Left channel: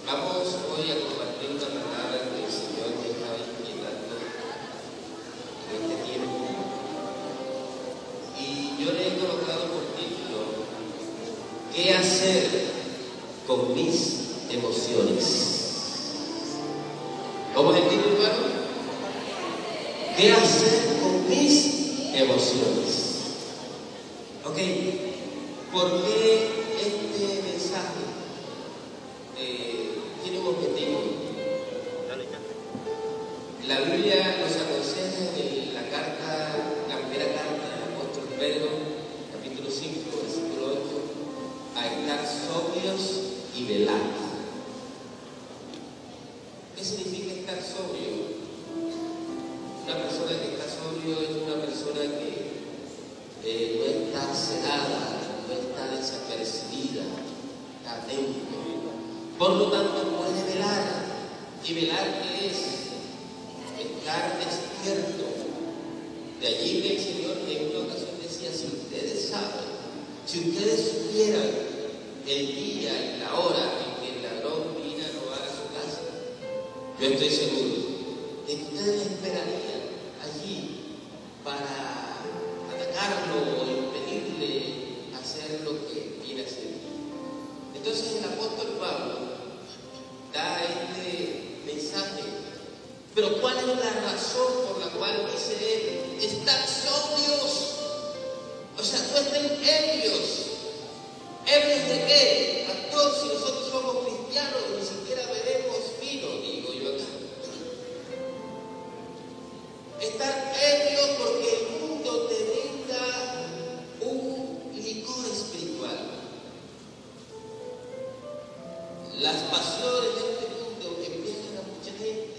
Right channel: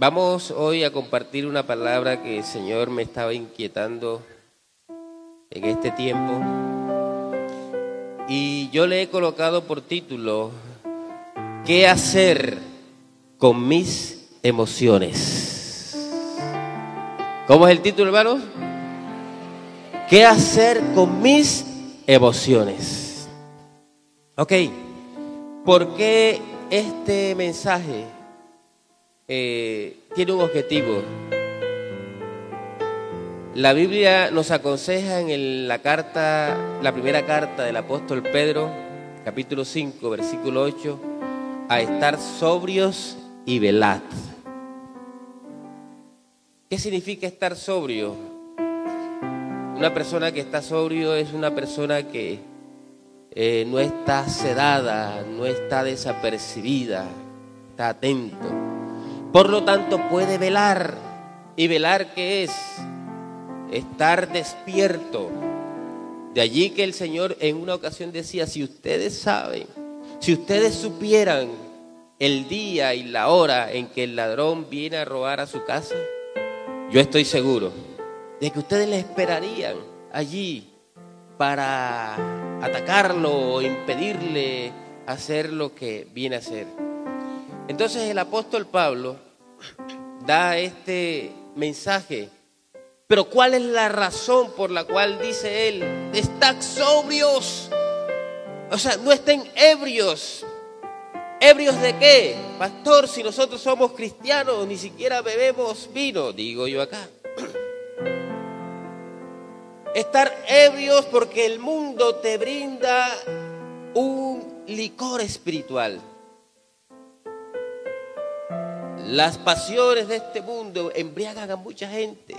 Vamos hoy a compartir una palabra que el Señor me estaba inquietando en este tiempo y yo le he colocado por título ¿qué hacer con mis emociones? ¿Cómo es el título, hermano? ¿Qué hacer con mis emociones? Ok, ¿por qué este mensaje tiene un objetivo? La Biblia nos aconseja en la primera carta del apóstol Pedro, capítulo 5, versículo 8, a estar sobrios y velad. ¿Qué significa estar sobrio? Una persona que está sobrio es una persona que no está sedada, no está desapercibida, está atento. Por lo tanto, puede velar. ¿Y velar qué es? Estar despierto. De allí que el Señor en una ocasión decía, si ustedes saben, si ustedes supieran el día y la hora en que el ladrón viene a robar a su casa, yo estoy seguro de que ustedes le esperarían allí para atacarlo o impedirle hacer lo que viene a hacer. Entonces el apóstol Pablo da este mensaje. Pero ¿cuál es la razón por la cual dice él? Estad sobrios. O sea, no estén ebrios. ¿Ebrios de qué? Pastor, si nosotros somos cristianos, ni siquiera bebemos vino, digo yo acá. Estar ebrios porque el mundo te brinda un licor espiritual. Las pasiones de este mundo embriagan a mucha gente.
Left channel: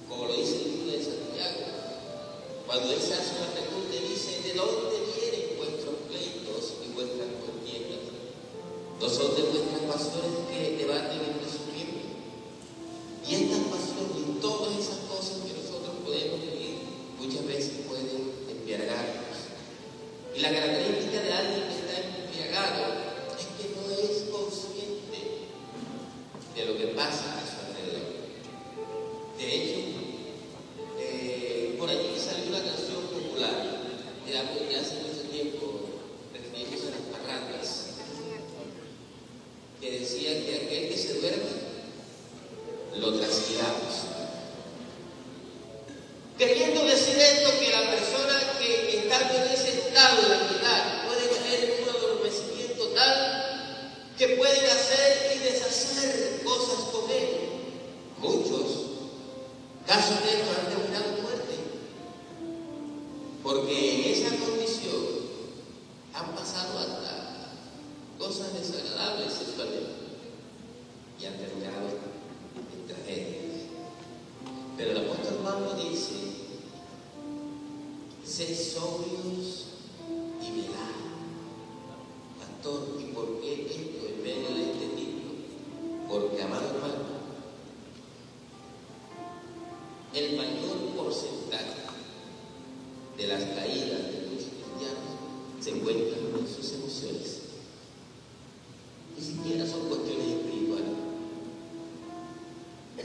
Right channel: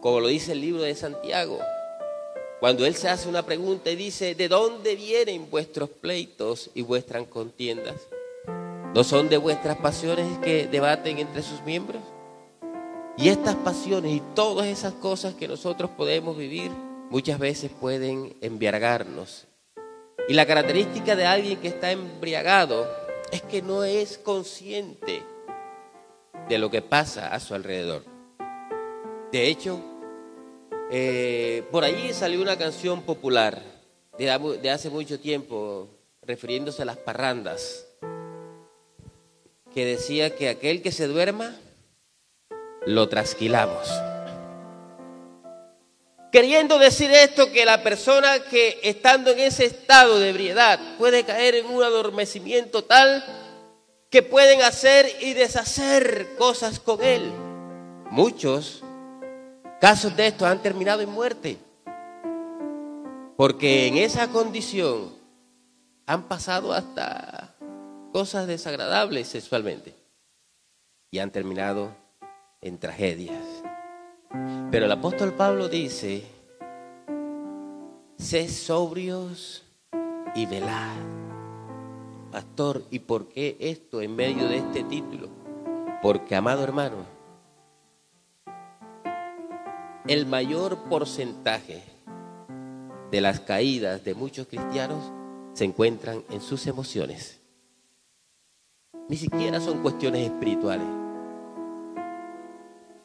Como lo dice el libro de Santiago, cuando él se hace una pregunta y dice, ¿de dónde vienen vuestros pleitos y vuestras contiendas? ¿No son de vuestras pasiones que debaten entre sus miembros? Y estas pasiones y todas esas cosas que nosotros podemos vivir, muchas veces pueden embriagarnos. Y la característica de alguien que está embriagado es que no es consciente de lo que pasa a su alrededor. De hecho, por allí salió una canción popular de hace mucho tiempo, refiriéndose a las parrandas, que decía que aquel que se duerma, lo trasquilamos. Queriendo decir esto, que la persona que estando en ese estado de ebriedad puede caer en un adormecimiento tal que pueden hacer y deshacer cosas con él. Muchos casos de estos han terminado en muerte, porque en esa condición han pasado hasta cosas desagradables sexualmente y han terminado en tragedias. Pero el apóstol Pablo dice, sed sobrios y velad. Pastor, ¿y por qué esto en medio de este título? Porque, amado hermano, el mayor porcentaje de las caídas de muchos cristianos se encuentran en sus emociones. Ni siquiera son cuestiones espirituales.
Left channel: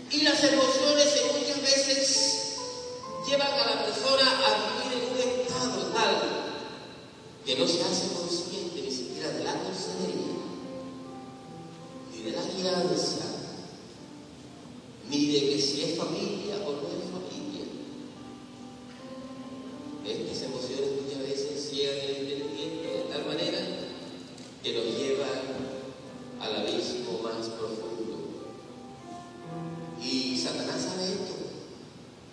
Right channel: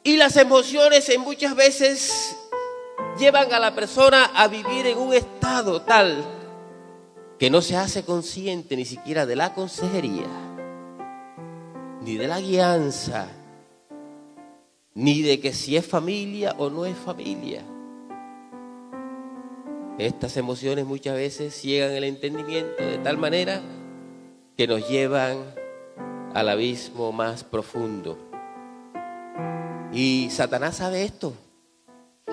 Y las emociones muchas veces llevan a la persona a vivir en un estado tal que no se hace consciente ni siquiera de la consejería, ni de la guianza, ni de que si es familia o no es familia. Estas emociones muchas veces ciegan el entendimiento de tal manera que nos llevan al abismo más profundo. Y Satanás sabe esto.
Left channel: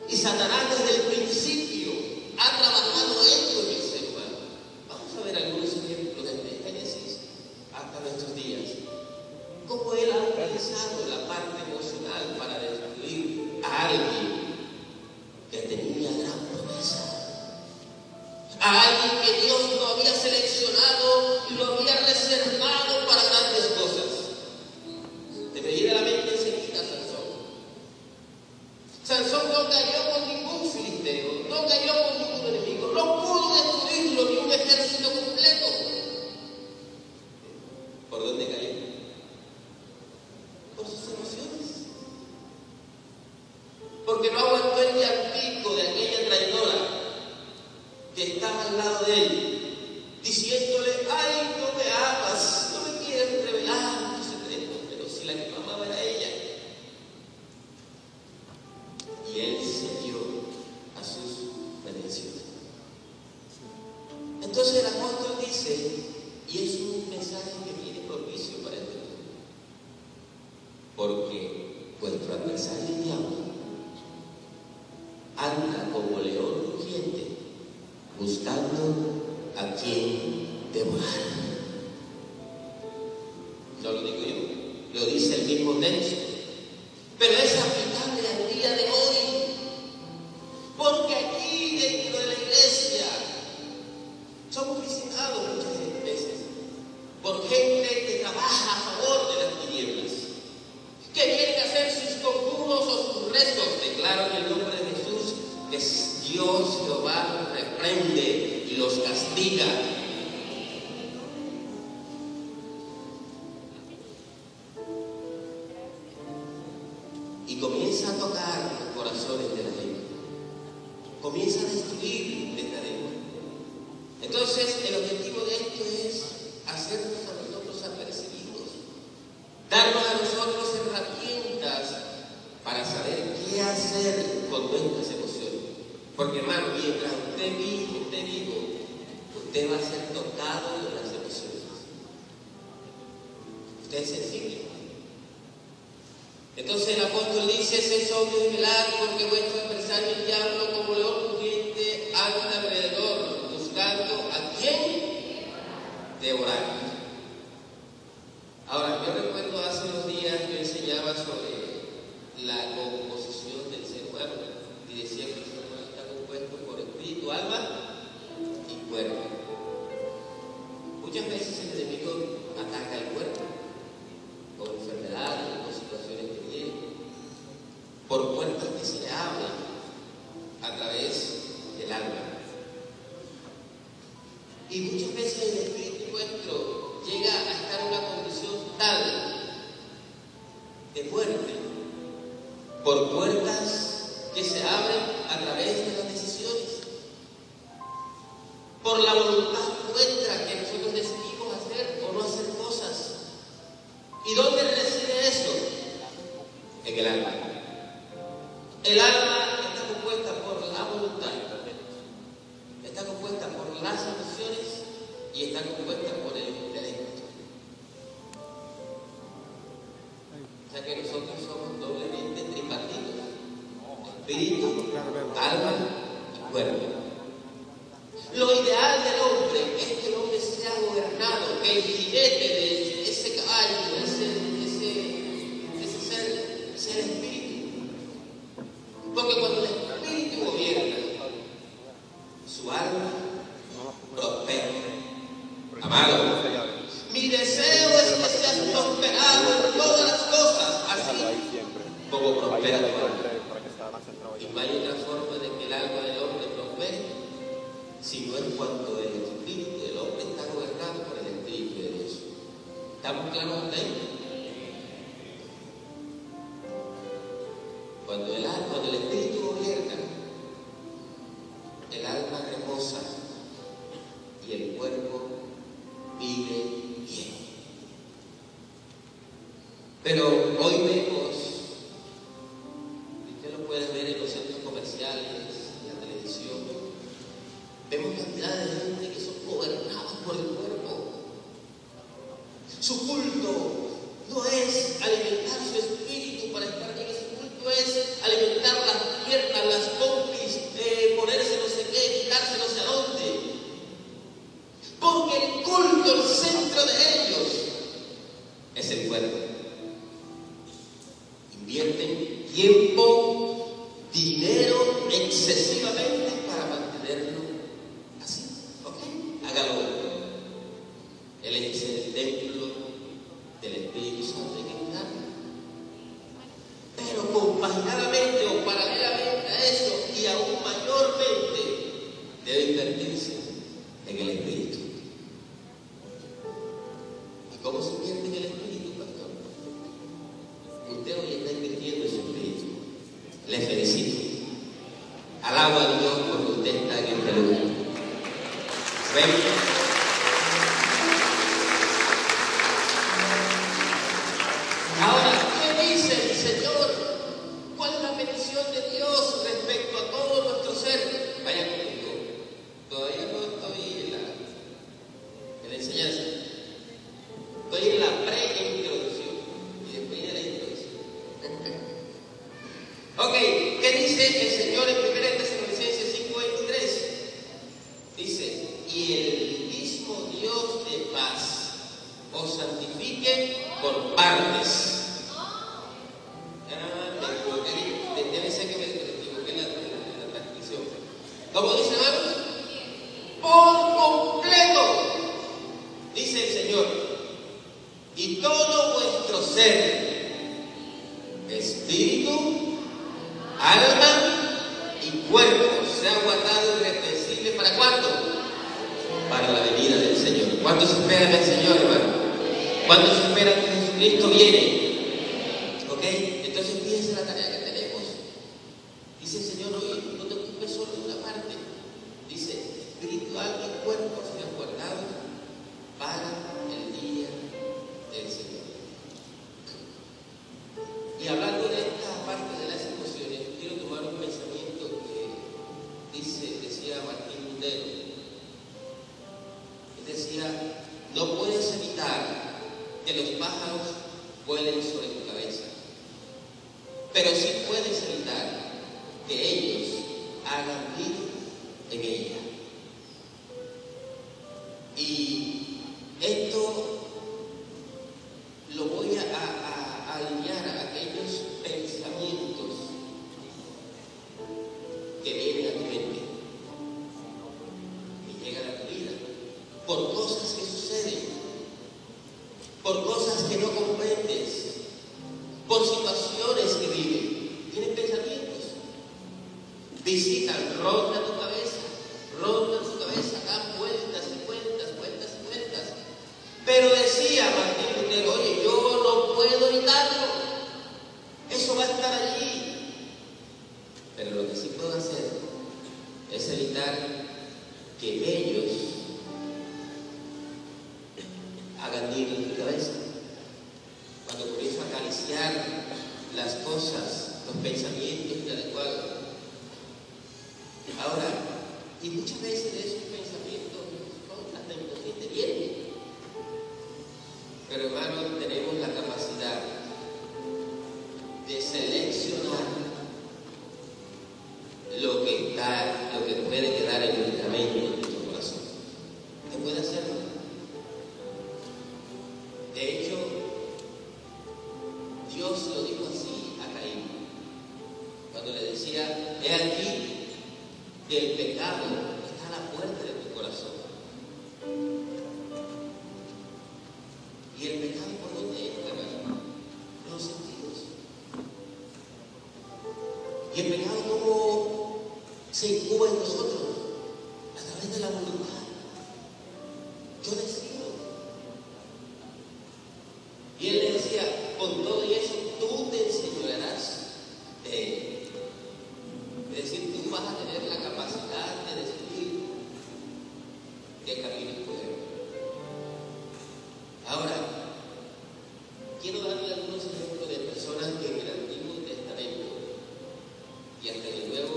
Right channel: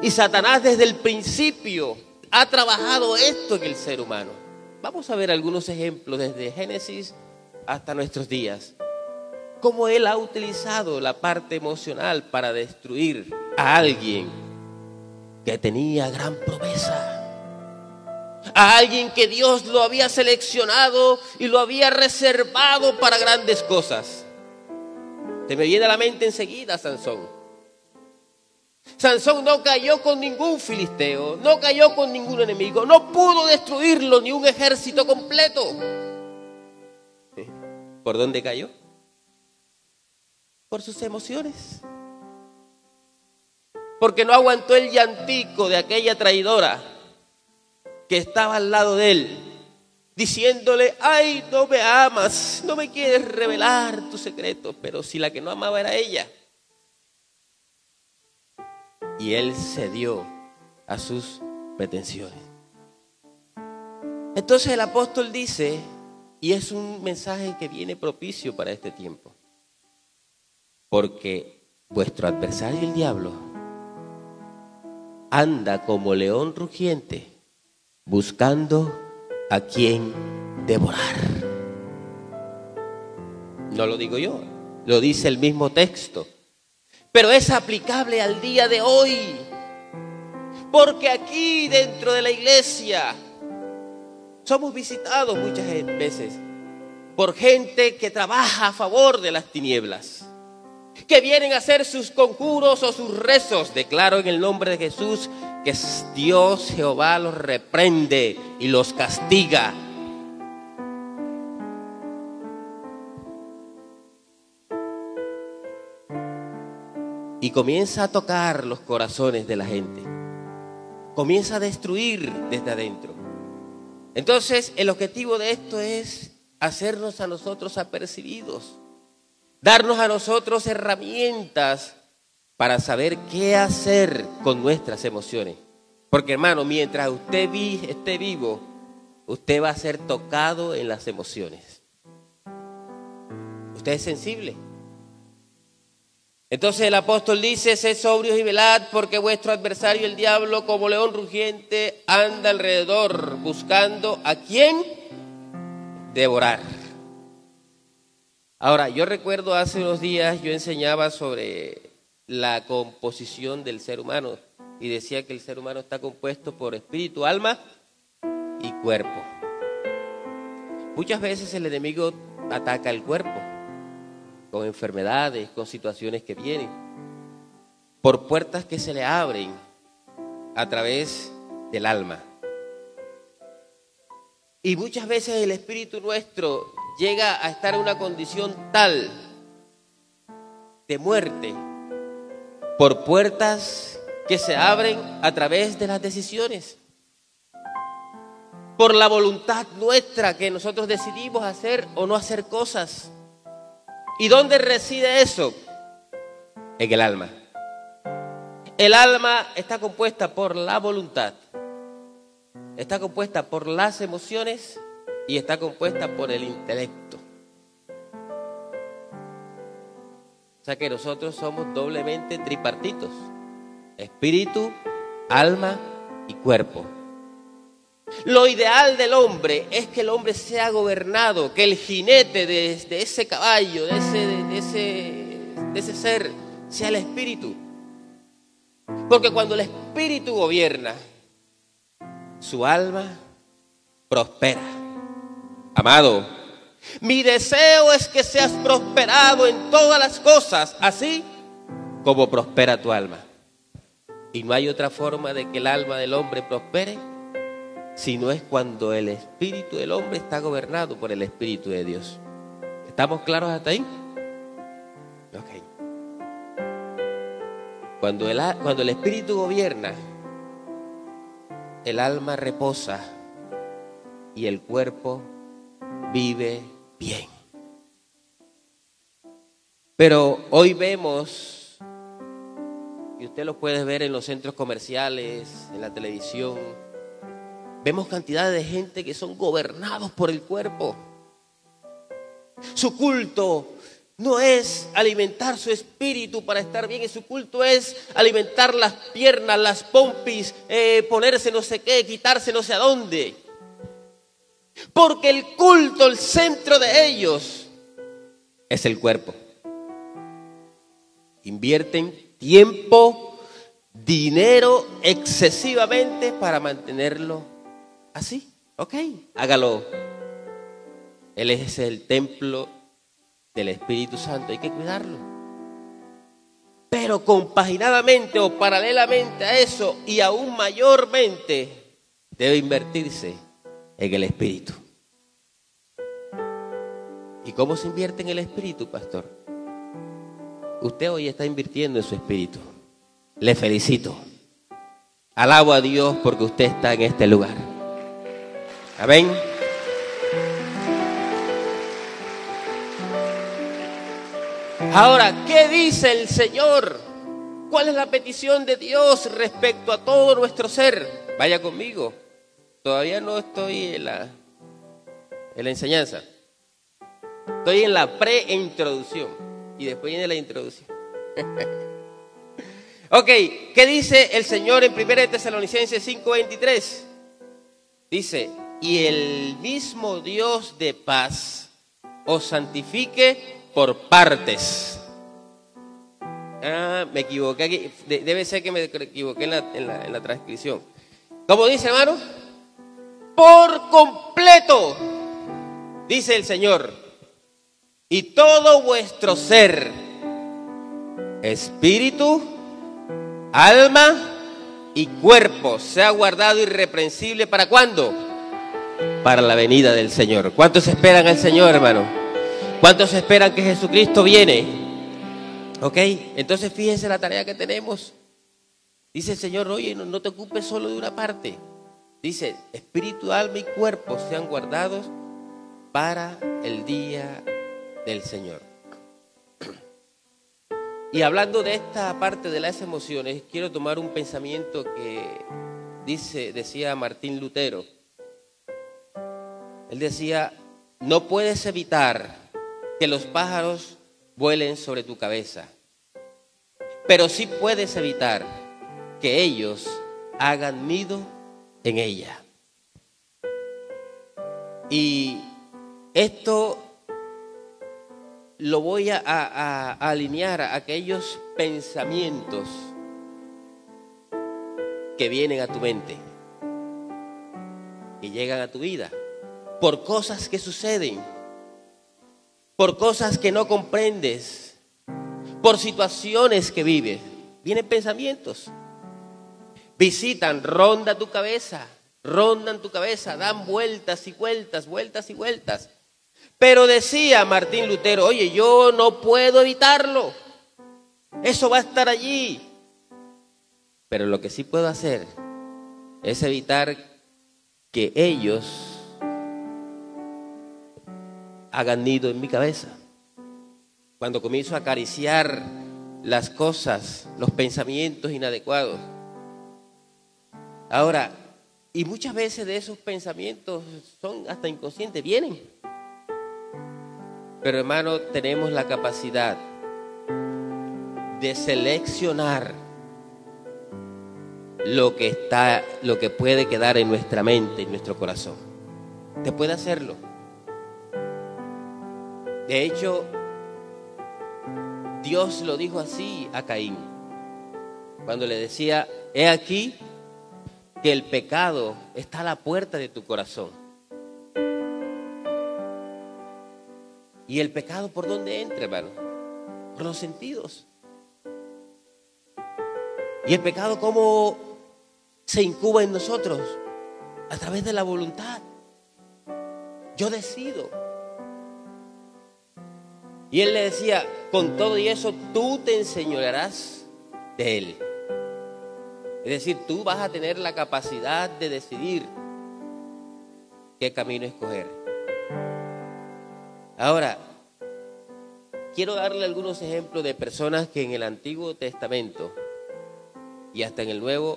Y Satanás desde el principio ha trabajado esto en el ser humano. Vamos a ver algunos ejemplos desde Génesis hasta nuestros días. Cómo él ha utilizado la parte emocional para destruir a alguien que tenía gran promesa. A alguien que Dios lo había seleccionado y lo había reservado para grandes cosas. Se me viene a la mente enseguida Sansón. Sansón no cayó con ningún filisteo, no cayó con ningún enemigo, no pudo destruirlo ni un ejército completo. ¿Por dónde cayó? por sus emociones. Porque no aguantó el llantico de aquella traidora que estaba al lado de él, diciéndole: ay, no me amas, no me quieres revelar tus secretos. Pero si la que no amaba era ella. Y él cedió a sus pretensiones. Entonces el apóstol dice, y es un mensaje que viene propicio para este tiempo: porque vuestro adversario el diablo anda como león rugiente buscando a quien devorar. No lo digo yo, lo dice el mismo texto, pero es aplicable al día de hoy, porque aquí dentro de la iglesia somos visitados muchas veces por gente que trabaja a favor de las tinieblas, que vienen a hacer sus conjuros o sus rezos. Declaro en el nombre de Jesús que Dios Jehová los reprende y los castiga. Y comienza a tocar los corazones de la gente, comienza a destruir desde adentro. Entonces el objetivo de esto es hacernos a nosotros apercibidos, darnos a nosotros herramientas para saber qué hacer con nuestras emociones. Porque, hermano, mientras usted esté vivo, usted va a ser tocado en las emociones. Usted es sensible. Entonces el apóstol dice: sed sobrios y velad, porque vuestro adversario el diablo, como león rugiente, anda alrededor buscando a quien devorar. Ahora, yo recuerdo hace unos días yo enseñaba sobre la composición del ser humano y decía que el ser humano está compuesto por espíritu, alma y cuerpo. Muchas veces el enemigo ataca el cuerpo con enfermedades, con situaciones que vienen, por puertas que se le abren a través del alma. Y muchas veces el espíritu nuestro llega a estar en una condición tal de muerte por puertas que se abren a través de las decisiones, por la voluntad nuestra que nosotros decidimos hacer o no hacer cosas. ¿Y dónde reside eso? En el alma. El alma está compuesta por la voluntad, está compuesta por las emociones y está compuesta por el intelecto. O sea que nosotros somos doblemente tripartitos: espíritu, alma y cuerpo. Lo ideal del hombre es que el hombre sea gobernado, que el jinete de ese caballo, de ese ser, sea el espíritu. Porque cuando el espíritu gobierna, su alma prospera. Amado, mi deseo es que seas prosperado en todas las cosas, así como prospera tu alma. Y no hay otra forma de que el alma del hombre prospere si no es cuando el espíritu del hombre está gobernado por el Espíritu de Dios. ¿Estamos claros hasta ahí? Okay. Cuando el espíritu gobierna, el alma reposa y el cuerpo vive bien. Pero hoy vemos, y usted lo puede ver en los centros comerciales, en la televisión, vemos cantidad de gente que son gobernados por el cuerpo. Su culto no es alimentar su espíritu para estar bien, y su culto es alimentar las piernas, las pompis, ponerse no sé qué, quitarse no sé a dónde. Porque el culto, el centro de ellos es el cuerpo. Invierten tiempo, dinero excesivamente para mantenerlo así. Ok, hágalo. Él es el templo del Espíritu Santo, hay que cuidarlo. Pero compaginadamente o paralelamente a eso, y aún mayormente, debe invertirse en el Espíritu. ¿Y cómo se invierte en el Espíritu, pastor? Usted hoy está invirtiendo en su espíritu. Le felicito. Alabo a Dios porque usted está en este lugar. Amén. Ahora, ¿qué dice el Señor? ¿Cuál es la petición de Dios respecto a todo nuestro ser? Vaya conmigo. Todavía no estoy en la enseñanza. Estoy en la preintroducción. Y después viene la introducción. Ok, ¿qué dice el Señor en 1 Tesalonicenses 5:23? Dice, y el mismo Dios de paz os santifique por partes. Me equivoqué aquí. Debe ser que me equivoqué en la transcripción. ¿Cómo dice, hermano? Por completo, dice el Señor, y todo vuestro ser, espíritu, alma y cuerpo, sea guardado irreprensible. ¿Para cuándo? Para la venida del Señor. ¿Cuántos esperan al Señor, hermano? ¿Cuántos esperan que Jesucristo viene? Ok, entonces fíjense la tarea que tenemos. Dice el Señor, oye, no te ocupes solo de una parte. Dice, espíritu, alma y cuerpo sean guardados para el día del Señor. Y hablando de esta parte de las emociones, quiero tomar un pensamiento que decía Martín Lutero. Él decía, no puedes evitar que los pájaros vuelen sobre tu cabeza, pero sí puedes evitar que ellos hagan nido en ella. Y esto lo voy a alinear a aquellos pensamientos que vienen a tu mente, que llegan a tu vida, por cosas que suceden, por cosas que no comprendes, por situaciones que vives. Vienen pensamientos, visitan, rondan tu cabeza, dan vueltas y vueltas, vueltas y vueltas. Pero decía Martín Lutero, oye, yo no puedo evitarlo, eso va a estar allí. Pero lo que sí puedo hacer es evitar que ellos hagan nido en mi cabeza. Cuando comienzo a acariciar las cosas, los pensamientos inadecuados. Ahora, y muchas veces de esos pensamientos son hasta inconscientes, vienen. Pero hermano, tenemos la capacidad de seleccionar lo que puede quedar en nuestra mente, en nuestro corazón. Usted puede hacerlo. De hecho, Dios lo dijo así a Caín, cuando le decía, he aquí que el pecado está a la puerta de tu corazón. ¿Y el pecado por dónde entra, hermano? Por los sentidos. ¿Y el pecado cómo se incuba en nosotros? A través de la voluntad. Yo decido. Y él le decía, con todo y eso, tú te enseñorearás de él. Es decir, tú vas a tener la capacidad de decidir qué camino escoger. Ahora, quiero darle algunos ejemplos de personas que en el Antiguo Testamento y hasta en el Nuevo,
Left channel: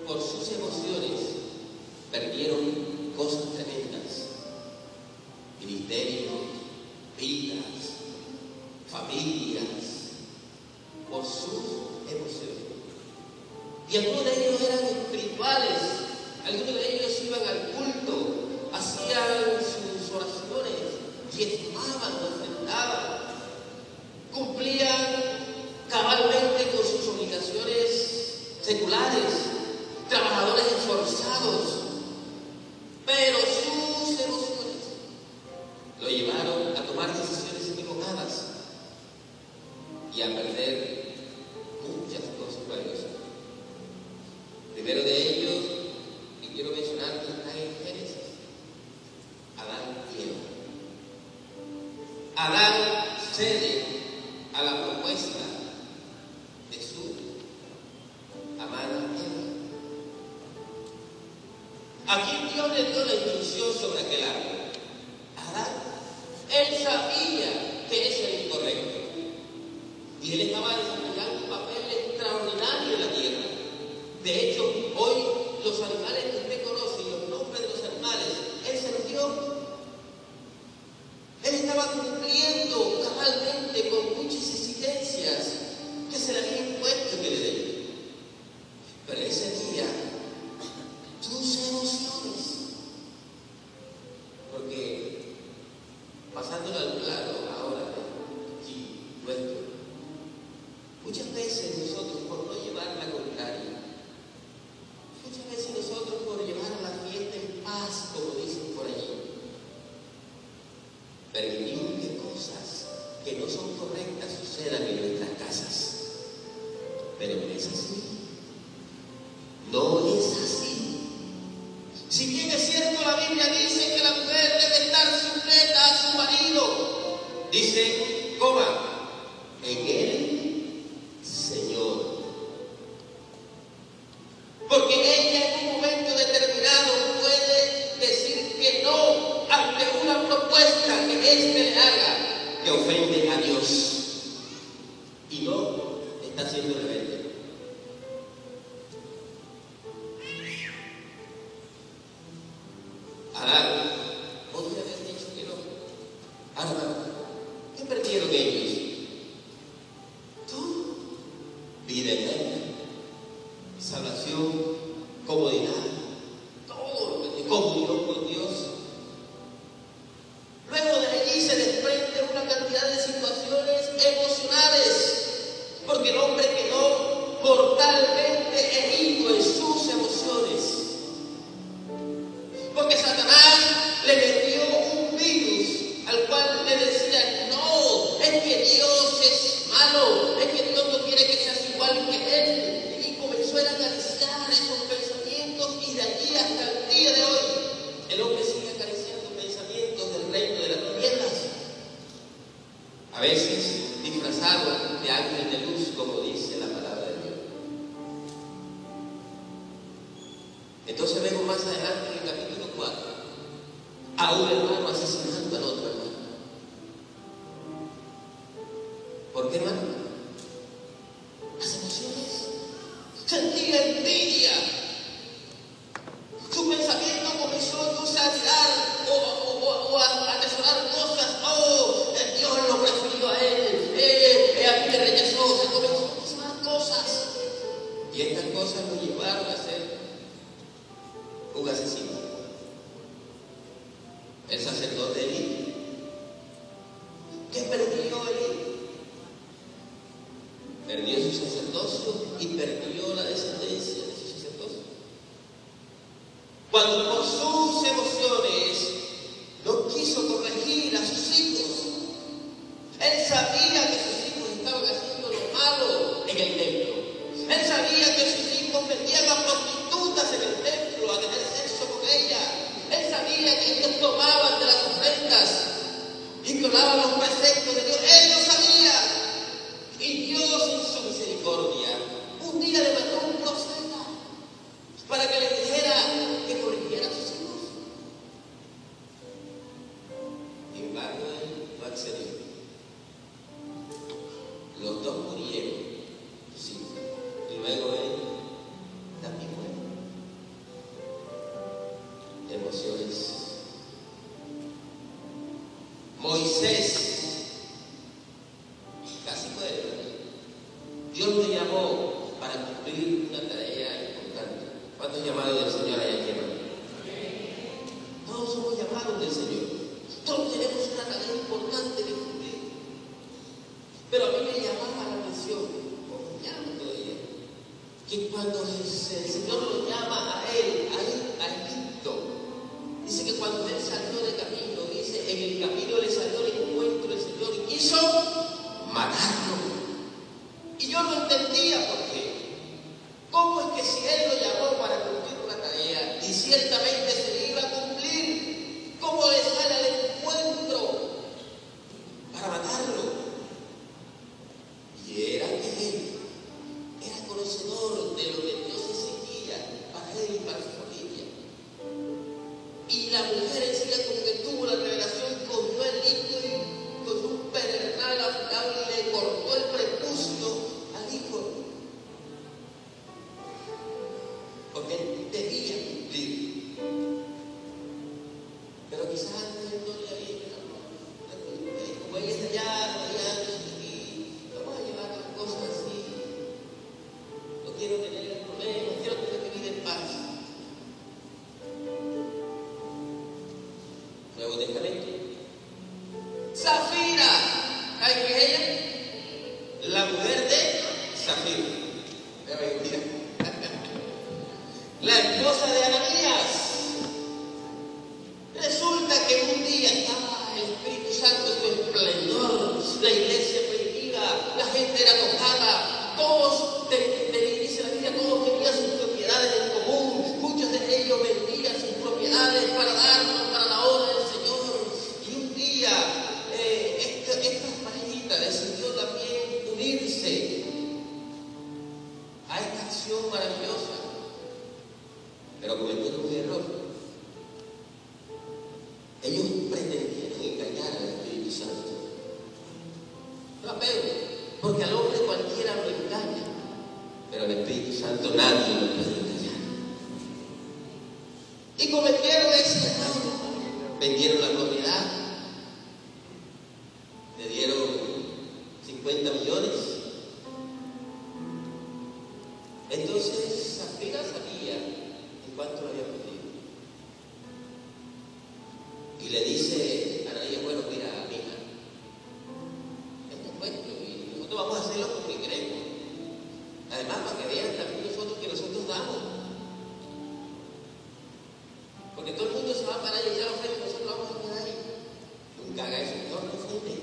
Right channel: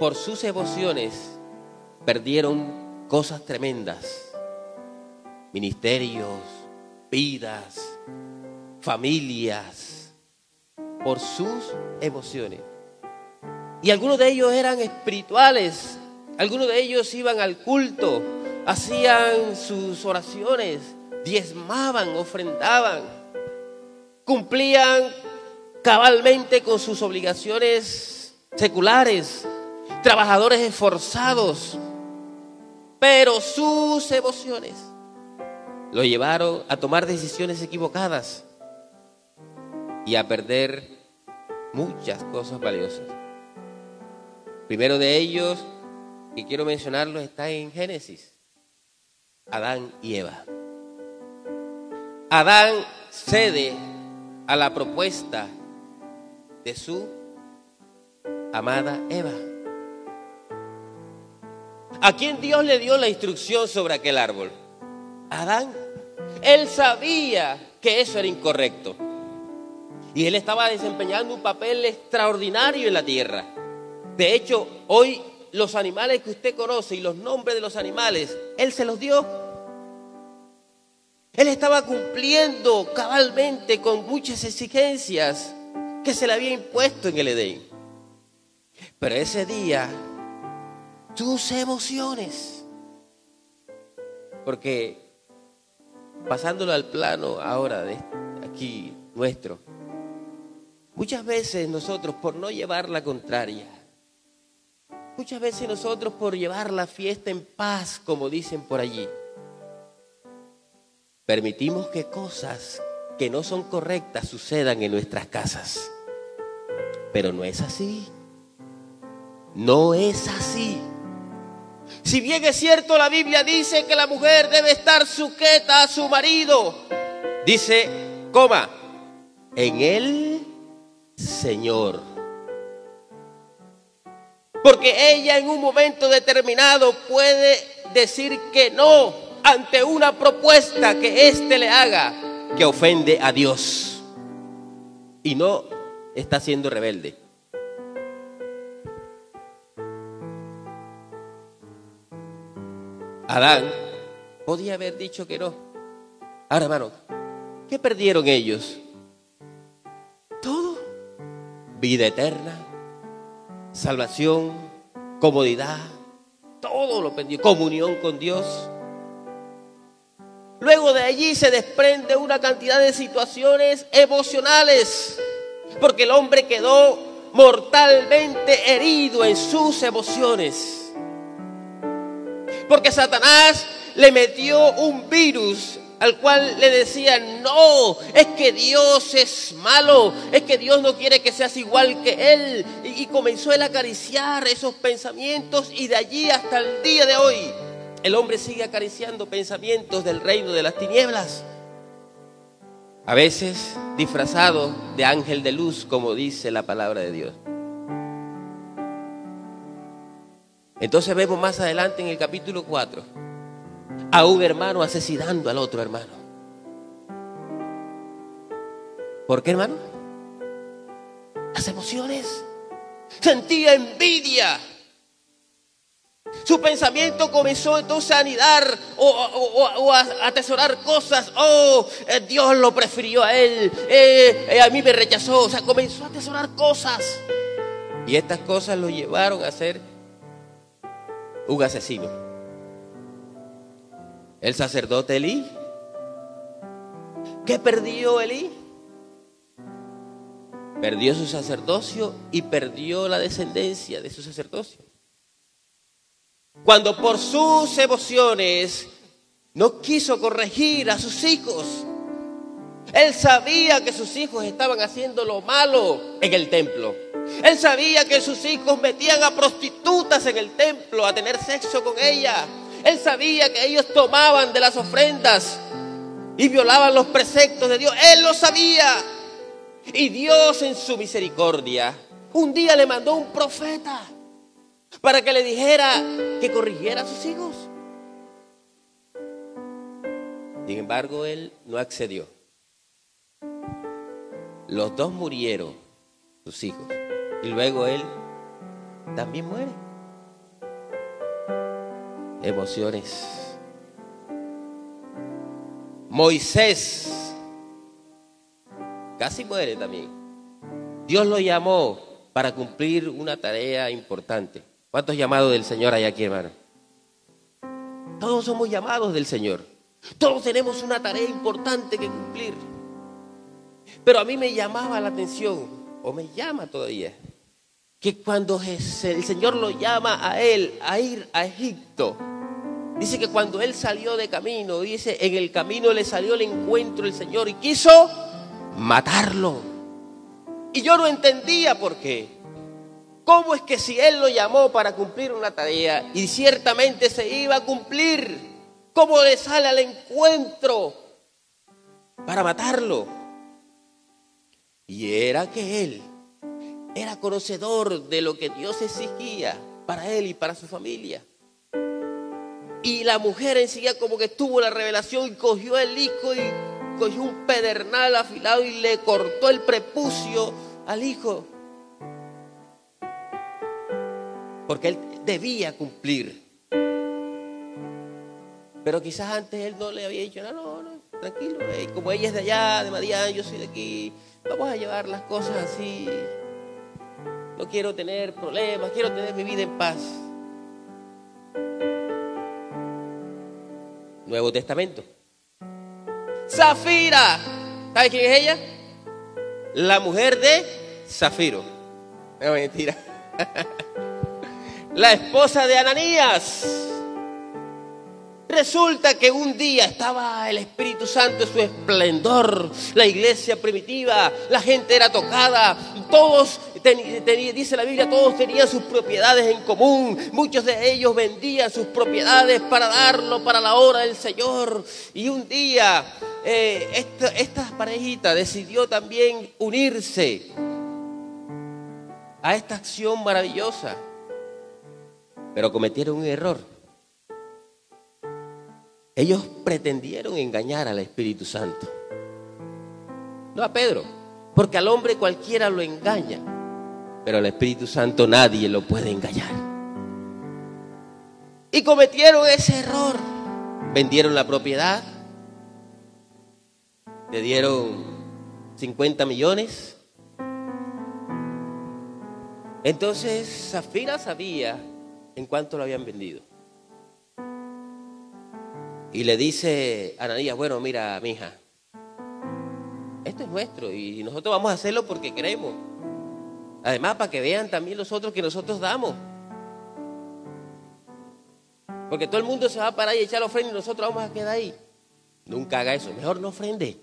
por sus emociones, perdieron cosas tremendas. Ministerios, vidas, familias, por sus emociones. Y algunos de ellos eran espirituales, algunos de ellos iban al culto, hacían sus oraciones, diezmaban, ofrendaban, cumplían cabalmente con sus obligaciones seculares, trabajadores esforzados, pero sus emociones lo llevaron a tomar decisiones equivocadas y a perder muchas cosas valiosas. Primero de ellos, que quiero mencionarlo, está en Génesis: Adán y Eva. Adán cede a la propuesta de su amada Eva. ¿A quién Dios le dio la instrucción sobre aquel árbol? ¿A Adán? Él sabía que eso era incorrecto. Y él estaba desempeñando un papel extraordinario en la tierra. De hecho, hoy los animales que usted conoce y los nombres de los animales, él se los dio. Él estaba cumpliendo cabalmente con muchas exigencias que se le había impuesto en el Edén. Pero ese día, tus emociones, porque pasándolo al plano ahora de aquí nuestro, muchas veces nosotros por no llevar la contraria, muchas veces nosotros por llevar la fiesta en paz, como dicen por allí, permitimos que cosas que no son correctas sucedan en nuestras casas. Pero no es así. No es así. Si bien es cierto, la Biblia dice que la mujer debe estar sujeta a su marido, dice, en el Señor. Porque ella en un momento determinado puede decir que no ante una propuesta que éste le haga que ofende a Dios y no está siendo rebelde. Adán podía haber dicho que no. Ahora, hermano, ¿qué perdieron ellos? Todo. Vida eterna, salvación, comodidad, todo lo perdió. Comunión con Dios. Luego de allí se desprende una cantidad de situaciones emocionales, porque el hombre quedó mortalmente herido en sus emociones. Porque Satanás le metió un virus al cual le decía, no, es que Dios es malo, es que Dios no quiere que seas igual que Él. Y comenzó él a acariciar esos pensamientos, y de allí hasta el día de hoy el hombre sigue acariciando pensamientos del reino de las tinieblas, a veces disfrazado de ángel de luz, como dice la palabra de Dios. Entonces vemos más adelante en el capítulo 4 a un hermano asesinando al otro hermano. ¿Por qué, hermano? Las emociones. Sentía envidia. Su pensamiento comenzó entonces a anidar o a atesorar cosas. Dios lo prefirió a él, a mí me rechazó. O sea, comenzó a atesorar cosas. Y estas cosas lo llevaron a ser un asesino. El sacerdote Elí. ¿Qué perdió Elí? Perdió su sacerdocio y perdió la descendencia de su sacerdocio. Cuando por sus emociones no quiso corregir a sus hijos. Él sabía que sus hijos estaban haciendo lo malo en el templo. Él sabía que sus hijos metían a prostitutas en el templo a tener sexo con ellas. Él sabía que ellos tomaban de las ofrendas y violaban los preceptos de Dios. Él lo sabía. Y Dios en su misericordia un día le mandó un profeta para que le dijera que corrigiera a sus hijos. Sin embargo, él no accedió. Los dos murieron, sus hijos, y luego él también muere. Emociones. Moisés casi muere también. Dios lo llamó para cumplir una tarea importante. ¿Cuántos llamados del Señor hay aquí, hermano? Todos somos llamados del Señor. Todos tenemos una tarea importante que cumplir. Pero a mí me llamaba la atención, o me llama todavía, que cuando el Señor lo llama a él a ir a Egipto, dice que cuando él salió de camino, dice, en el camino le salió al encuentro el Señor y quiso matarlo. Y yo no entendía por qué. ¿Cómo es que si él lo llamó para cumplir una tarea y ciertamente se iba a cumplir, cómo le sale al encuentro para matarlo? Y era que él era conocedor de lo que Dios exigía para él y para su familia. Y la mujer enseguida como que tuvo la revelación y cogió el hijo y cogió un pedernal afilado y le cortó el prepucio al hijo. Porque él debía cumplir. Pero quizás antes él no le había dicho, no, tranquilo, como ella es de allá, de Madián, yo soy de aquí, vamos a llevar las cosas así. No quiero tener problemas, quiero tener mi vida en paz. Nuevo Testamento. Zafira. ¿Sabe quién es ella? La mujer de Zafiro. No, mentira. La esposa de Ananías. Resulta que un día estaba el Espíritu Santo en su esplendor, la iglesia primitiva, la gente era tocada, todos, dice la Biblia, todos tenían sus propiedades en común, muchos de ellos vendían sus propiedades para darlo para la obra del Señor. Y un día esta parejita decidió también unirse a esta acción maravillosa, pero cometieron un error. Ellos pretendieron engañar al Espíritu Santo, no a Pedro, porque al hombre cualquiera lo engaña, pero al Espíritu Santo nadie lo puede engañar. Y cometieron ese error. Vendieron la propiedad, le dieron 50 millones. Entonces Zafira sabía en cuánto lo habían vendido. Y le dice a Ananías, bueno, mira, mija, esto es nuestro y nosotros vamos a hacerlo porque queremos. Además, para que vean también nosotros que nosotros damos. Porque todo el mundo se va a parar y echar ofrenda y nosotros vamos a quedar ahí. Nunca haga eso, mejor no ofrende.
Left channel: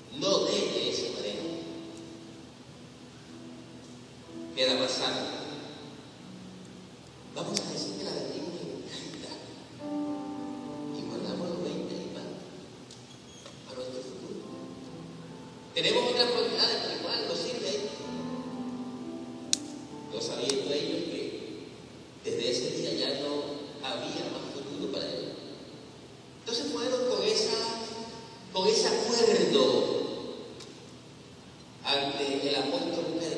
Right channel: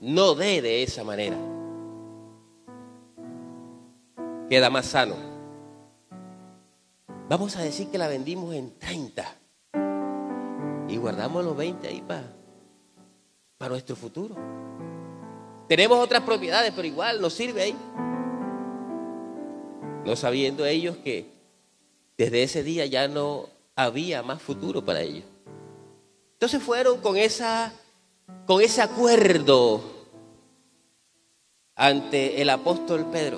No dé de esa manera. Queda más sano. Vamos a decir que la vendimos en 30. Y guardamos los 20 ahí para nuestro futuro. Tenemos otras propiedades, pero igual nos sirve ahí. No sabiendo ellos que desde ese día ya no había más futuro para ellos. Entonces fueron con ese acuerdo ante el apóstol Pedro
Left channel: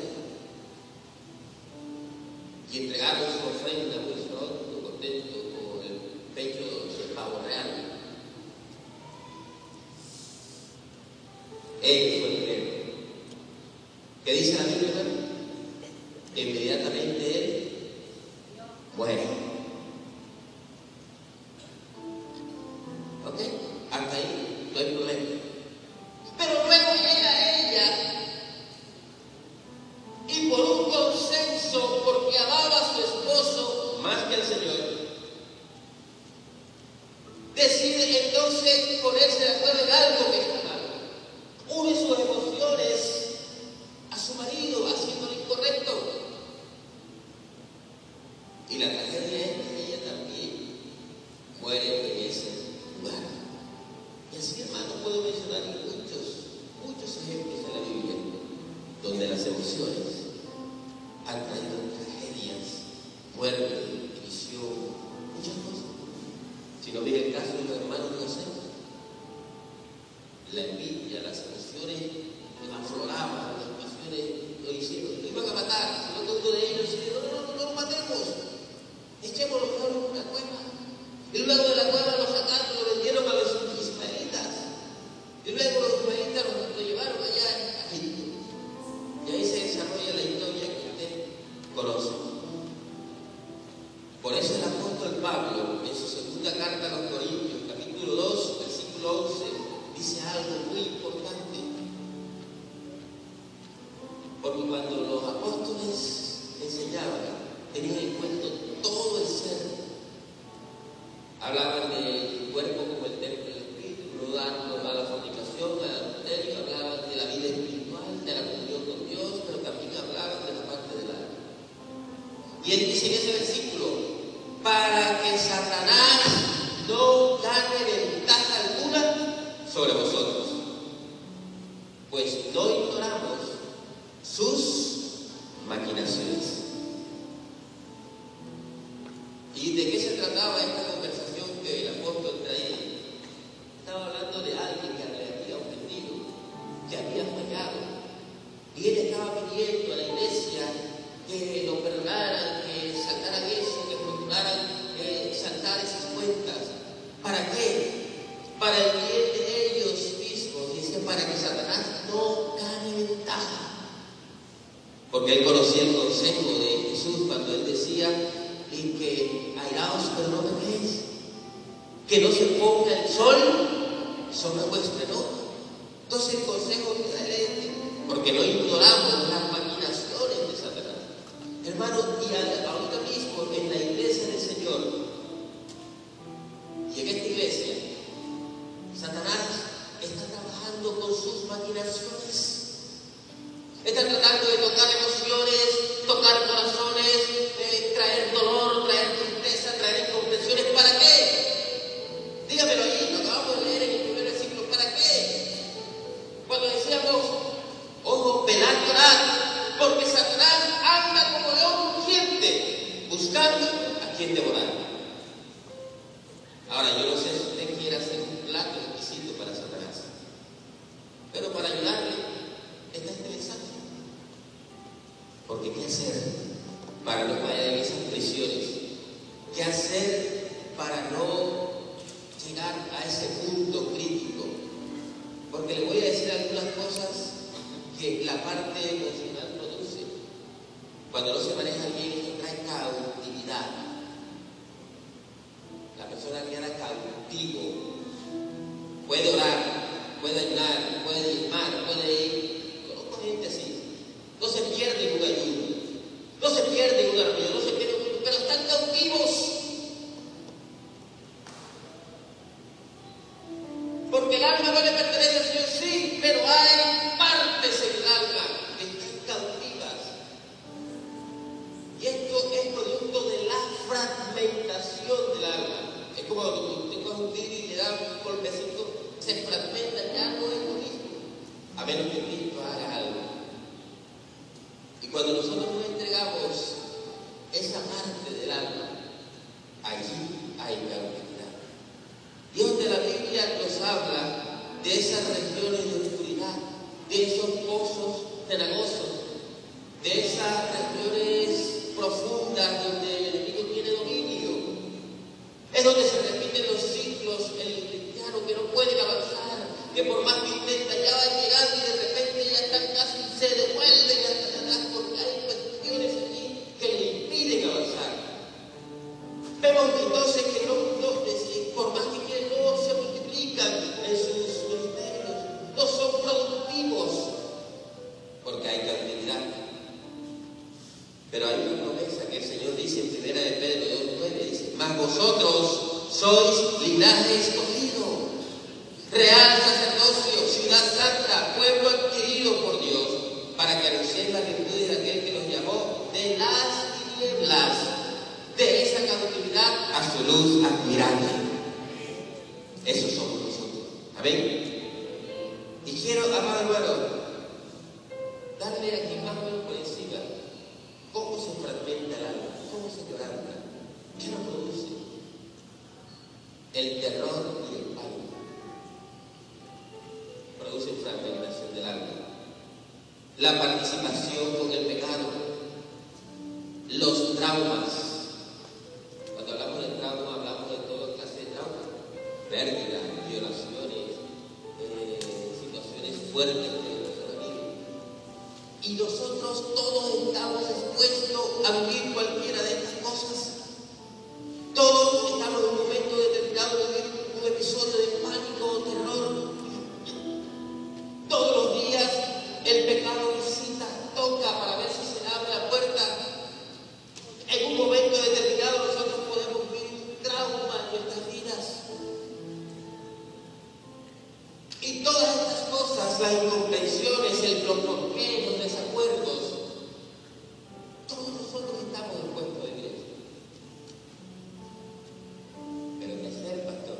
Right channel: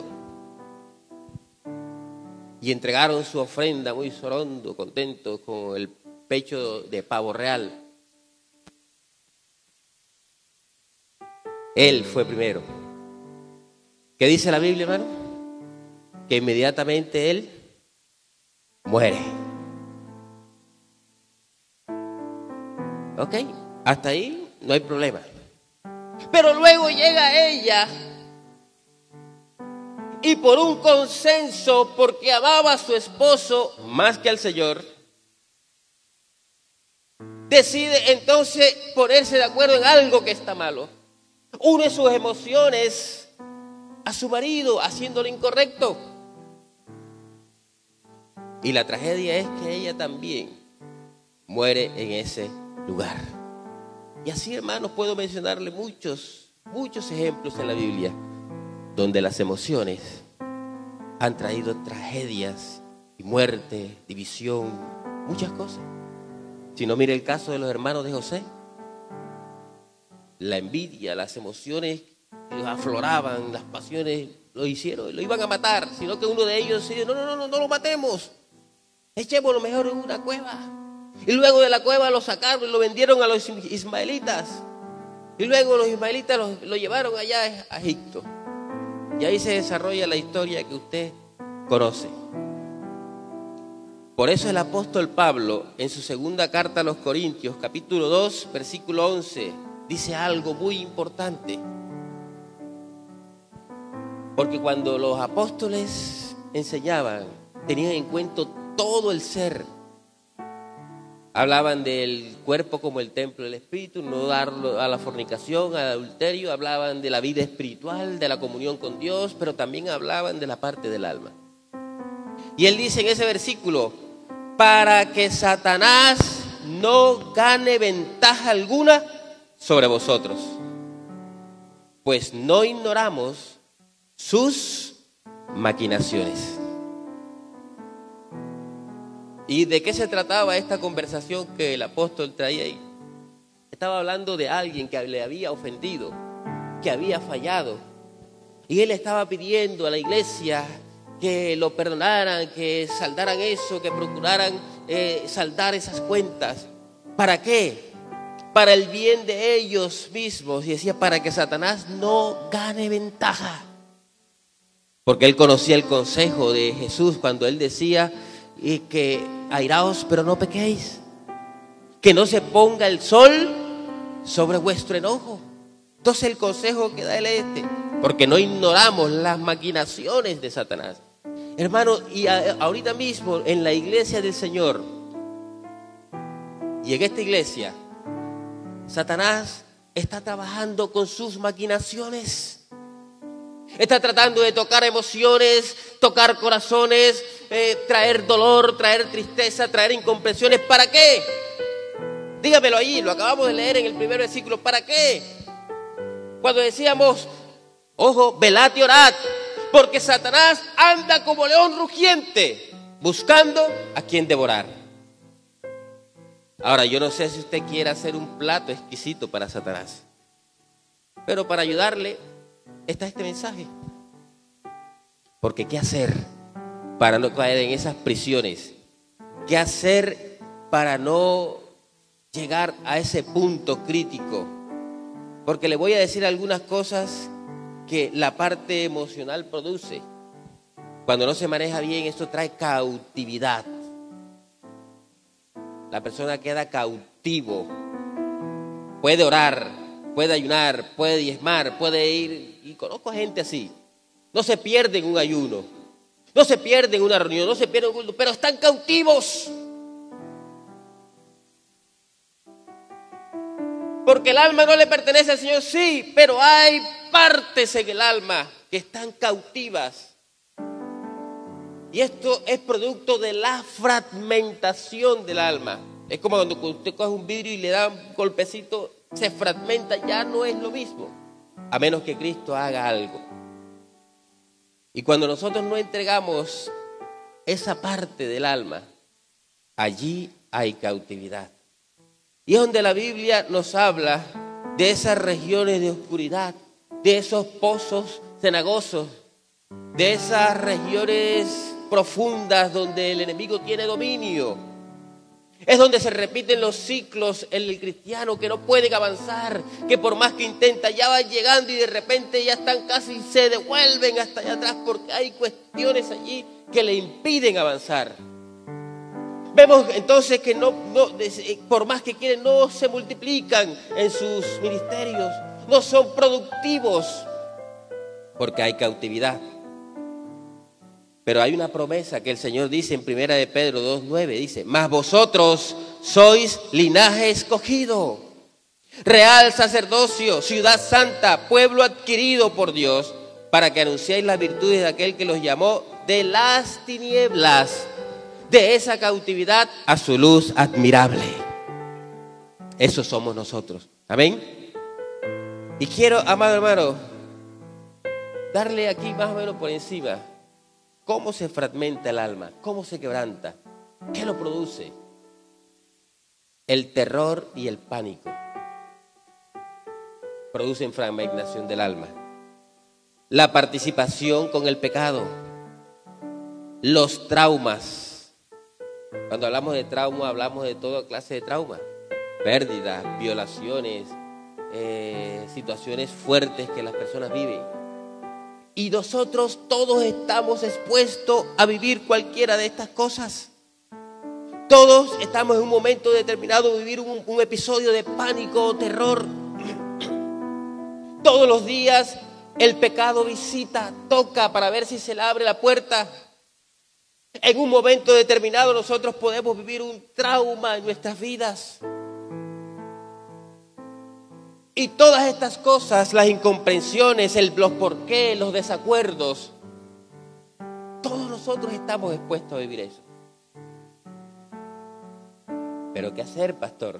y entregaron su ofrenda muy sorondo, contentos, con el pecho de pavo real. Él fue primero. ¿Qué dice la Biblia, hermano? Que inmediatamente él muere. ¿Ok? Hasta ahí no hay problema. Pero luego llega ella y por un consenso, porque amaba a su esposo más que al Señor, decide entonces ponerse de acuerdo en algo que está malo. Une sus emociones a su marido haciendo lo incorrecto. Y la tragedia es que ella también muere en ese lugar. Y así, hermanos, puedo mencionarle muchos ejemplos en la Biblia donde las emociones han traído tragedias, muerte, división, muchas cosas. Si no, mire el caso de los hermanos de José. La envidia, las emociones afloraban, las pasiones lo hicieron, lo iban a matar, sino que uno de ellos dijo, no lo matemos, echémoslo mejor en una cueva. Y luego de la cueva lo sacaron y lo vendieron a los ismaelitas. Y luego los ismaelitas lo llevaron allá a Egipto. Y ahí se desarrolla la historia que usted conoce. Por eso el apóstol Pablo, en su segunda carta a los Corintios, capítulo 2, versículo 11, dice algo muy importante. Porque cuando los apóstoles enseñaban, tenían en cuenta todo el ser. Hablaban del cuerpo como el templo del Espíritu, no darlo a la fornicación, al adulterio. Hablaban de la vida espiritual, de la comunión con Dios, pero también hablaban de la parte del alma. Y él dice en ese versículo, para que Satanás no gane ventaja alguna sobre vosotros, pues no ignoramos sus maquinaciones. ¿Y de qué se trataba esta conversación que el apóstol traía ahí? Estaba hablando de alguien que le había ofendido, que había fallado. Y él estaba pidiendo a la iglesia que lo perdonaran, que saldaran eso, que procuraran saldar esas cuentas. ¿Para qué? Para el bien de ellos mismos. Y decía, para que Satanás no gane ventaja. Porque él conocía el consejo de Jesús cuando él decía, y que airaos pero no pequéis, que no se ponga el sol sobre vuestro enojo. Entonces el consejo que da él es este, porque no ignoramos las maquinaciones de Satanás. Hermano, y ahorita mismo en la iglesia del Señor, y en esta iglesia, Satanás está trabajando con sus maquinaciones. Está tratando de tocar emociones, tocar corazones, traer dolor, traer tristeza, traer incomprensiones. ¿Para qué? Dígamelo ahí, lo acabamos de leer en el primer versículo. ¿Para qué? Cuando decíamos, ojo, velad y orad, porque Satanás anda como león rugiente, buscando a quien devorar. Ahora, yo no sé si usted quiere hacer un plato exquisito para Satanás, pero para ayudarle está este mensaje. Porque ¿qué hacer para no caer en esas prisiones? ¿Qué hacer para no llegar a ese punto crítico? Porque le voy a decir algunas cosas que la parte emocional produce. Cuando no se maneja bien, esto trae cautividad. La persona queda cautivo. Puede orar, puede ayunar, puede diezmar, puede ir. Y conozco gente así. No se pierde en un ayuno, no se pierde en una reunión, no se pierde en un culto, pero están cautivos. Porque el alma no le pertenece al Señor, sí, pero hay partes en el alma que están cautivas. Y esto es producto de la fragmentación del alma. Es como cuando usted coge un vidrio y le da un golpecito, se fragmenta, ya no es lo mismo, a menos que Cristo haga algo. Y cuando nosotros no entregamos esa parte del alma, allí hay cautividad. Y es donde la Biblia nos habla de esas regiones de oscuridad, de esos pozos cenagosos, de esas regiones profundas donde el enemigo tiene dominio. Es donde se repiten los ciclos en el cristiano, que no pueden avanzar, que por más que intenta ya van llegando y de repente ya están casi, se devuelven hasta allá atrás porque hay cuestiones allí que le impiden avanzar. Vemos entonces que por más que quieren, no se multiplican en sus ministerios, no son productivos porque hay cautividad. Pero hay una promesa que el Señor dice en 1 de Pedro 2:9, dice, mas vosotros sois linaje escogido, real sacerdocio, ciudad santa, pueblo adquirido por Dios, para que anunciéis las virtudes de aquel que los llamó de las tinieblas, de esa cautividad a su luz admirable. Eso somos nosotros. Amén. Y quiero, amado hermano, darle aquí más o menos por encima cómo se fragmenta el alma, cómo se quebranta, qué lo produce. El terror y el pánico producen fragmentación del alma. La participación con el pecado, los traumas. Cuando hablamos de trauma, hablamos de toda clase de traumas, pérdidas, violaciones, situaciones fuertes que las personas viven. Y nosotros todos estamos expuestos a vivir cualquiera de estas cosas. Todos estamos en un momento determinado de vivir un episodio de pánico o terror. Todos los días el pecado visita, toca para ver si se le abre la puerta. En un momento determinado nosotros podemos vivir un trauma en nuestras vidas. Y todas estas cosas, las incomprensiones, los porqué, los desacuerdos, todos nosotros estamos expuestos a vivir eso. Pero ¿qué hacer, pastor,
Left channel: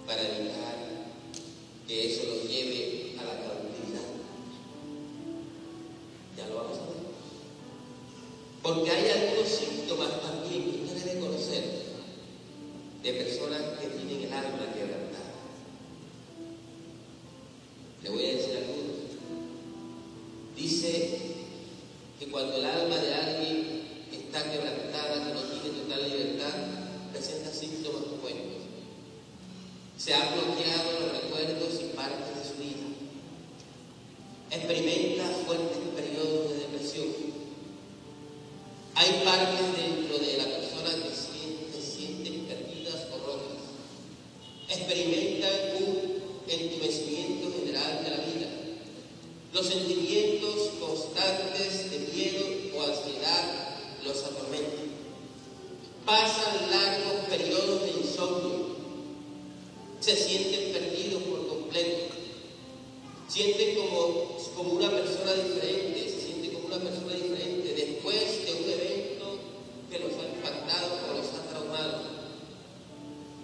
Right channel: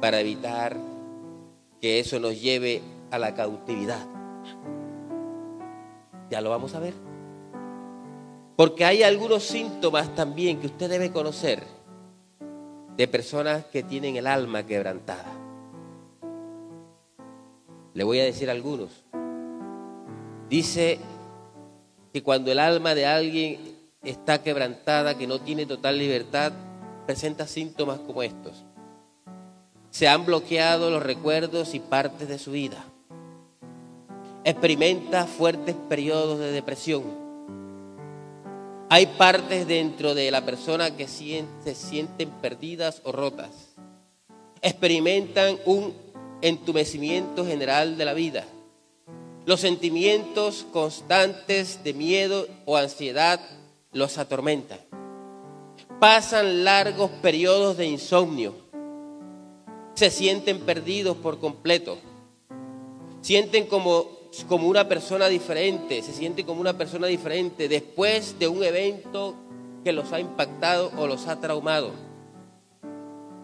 para evitar que eso nos lleve a la cautividad. Ya lo vamos a ver. Porque hay algunos síntomas también que usted debe conocer de personas que tienen el alma quebrantada. Le voy a decir algunos. Dice que cuando el alma de alguien está quebrantada, que no tiene total libertad, presenta síntomas como estos. Se han bloqueado los recuerdos y partes de su vida. Experimenta fuertes periodos de depresión. Hay partes dentro de la persona que se sienten perdidas o rotas. Experimentan un entumecimiento general de la vida. Los sentimientos constantes de miedo o ansiedad los atormentan. Pasan largos periodos de insomnio. Se sienten perdidos por completo. Sienten como una persona diferente, se sienten como una persona diferente después de un evento que los ha impactado o los ha traumado.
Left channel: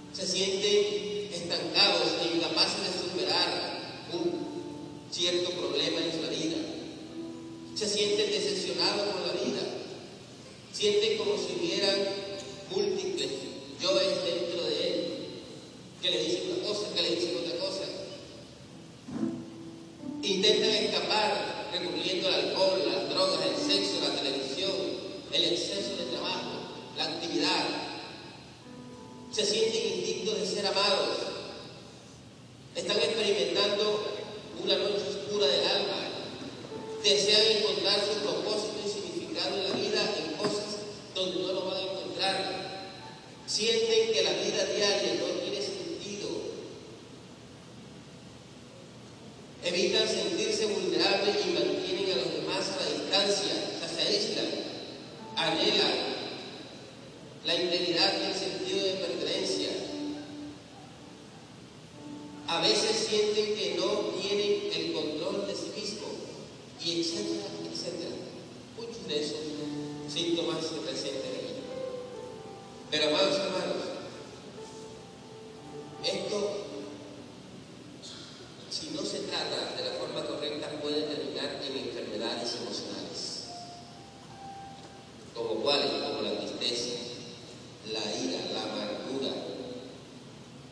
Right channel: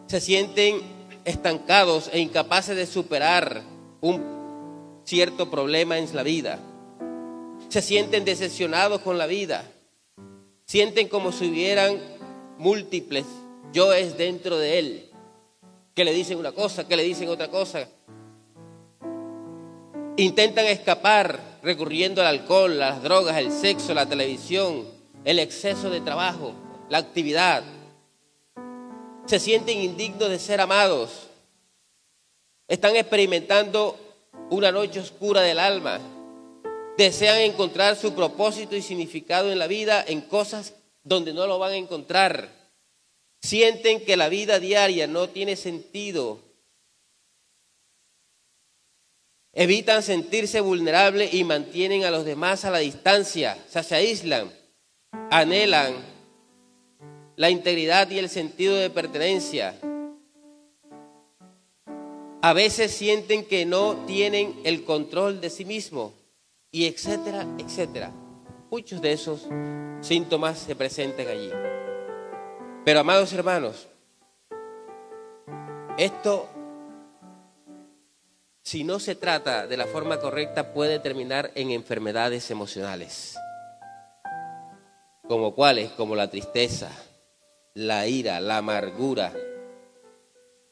Se sienten estancados e incapaces de superar un cierto problema en la vida. Se sienten decepcionados con la vida. Sienten como si hubieran múltiples yoes dentro de él, que le dicen una cosa, que le dicen otra cosa. Intentan escapar recurriendo al alcohol, las drogas, el sexo, la televisión, el exceso de trabajo, la actividad. Se sienten indignos de ser amados. Están experimentando una noche oscura del alma. Desean encontrar su propósito y significado en la vida en cosas donde no lo van a encontrar. Sienten que la vida diaria no tiene sentido. Evitan sentirse vulnerables y mantienen a los demás a la distancia. O sea, se aíslan, anhelan la integridad y el sentido de pertenencia. A veces sienten que no tienen el control de sí mismos, y etcétera, etcétera. Muchos de esos síntomas se presentan allí. Pero, amados hermanos, esto, si no se trata de la forma correcta, puede terminar en enfermedades emocionales, como cuáles, como la tristeza, la ira, la amargura,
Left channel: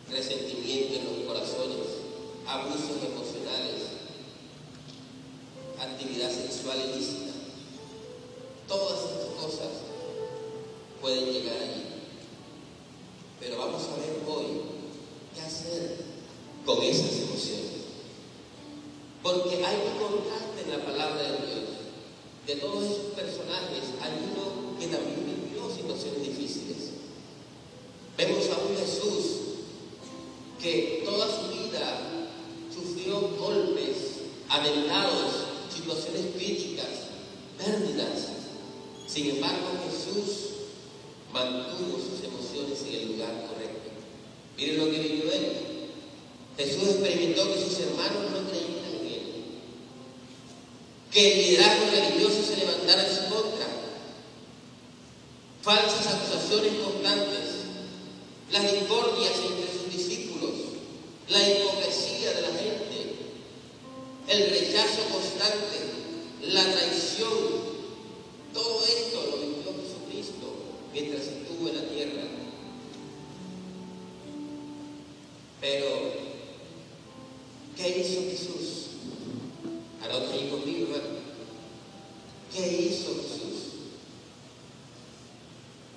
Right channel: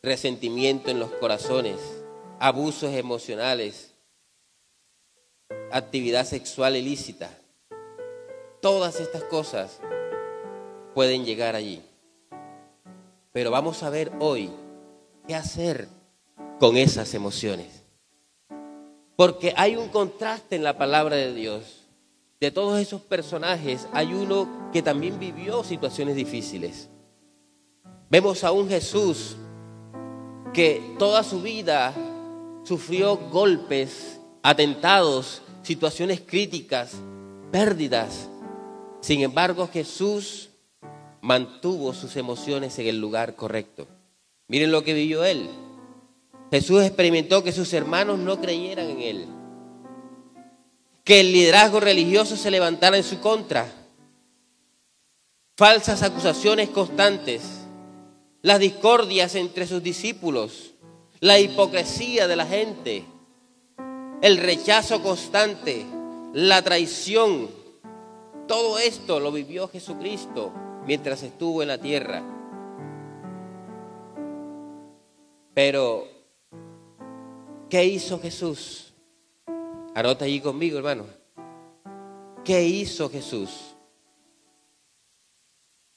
resentimiento en los corazones, abusos emocionales, actividad sexual ilícita. Todas estas cosas pueden llegar allí. Pero vamos a ver hoy qué hacer con esas emociones. Porque hay un contraste en la palabra de Dios. De todos esos personajes hay uno que también vivió situaciones difíciles. Vemos a un Jesús que toda su vida sufrió golpes, atentados, situaciones críticas, pérdidas. Sin embargo, Jesús mantuvo sus emociones en el lugar correcto. Miren lo que vivió él. Jesús experimentó que sus hermanos no creyeran en él, que el liderazgo religioso se levantara en su contra, falsas acusaciones constantes, las discordias entre sus discípulos, la hipocresía de la gente, el rechazo constante, la traición. Todo esto lo vivió Jesucristo mientras estuvo en la tierra. Pero, ¿qué hizo Jesús? Anota allí conmigo, hermano. ¿Qué hizo Jesús?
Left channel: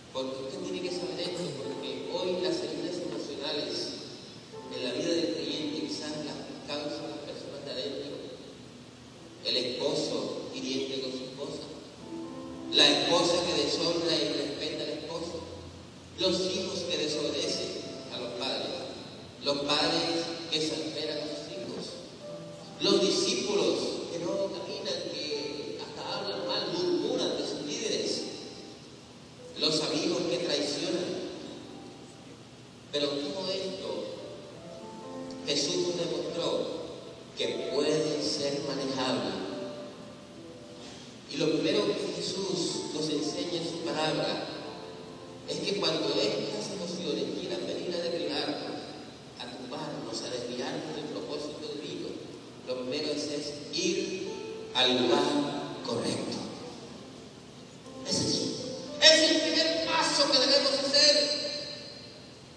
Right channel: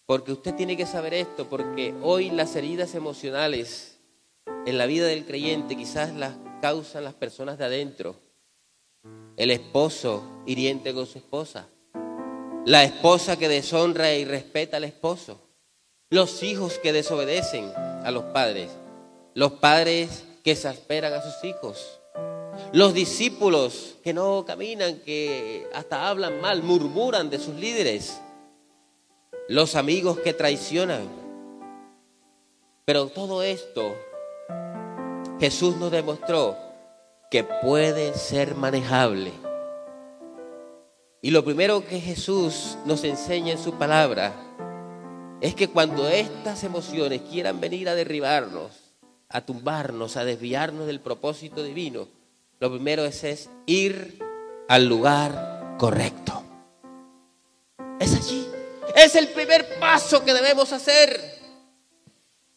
Porque usted tiene que saber esto, porque hoy las heridas emocionales en la vida del creyente quizás las causan las personas de adentro. El esposo hiriente con su esposa, la esposa que deshonra y respeta al esposo, los hijos que desobedecen a los padres que exasperan a sus hijos, los discípulos que no caminan, que hasta hablan mal, murmuran de sus líderes, los amigos que traicionan. Pero todo esto Jesús nos demostró que puede ser manejable. Y lo primero que Jesús nos enseña en su palabra es que cuando estas emociones quieran venir a derribarnos, a tumbarnos, a desviarnos del propósito divino, lo primero es ir al lugar correcto. Es allí. Es el primer paso que debemos hacer.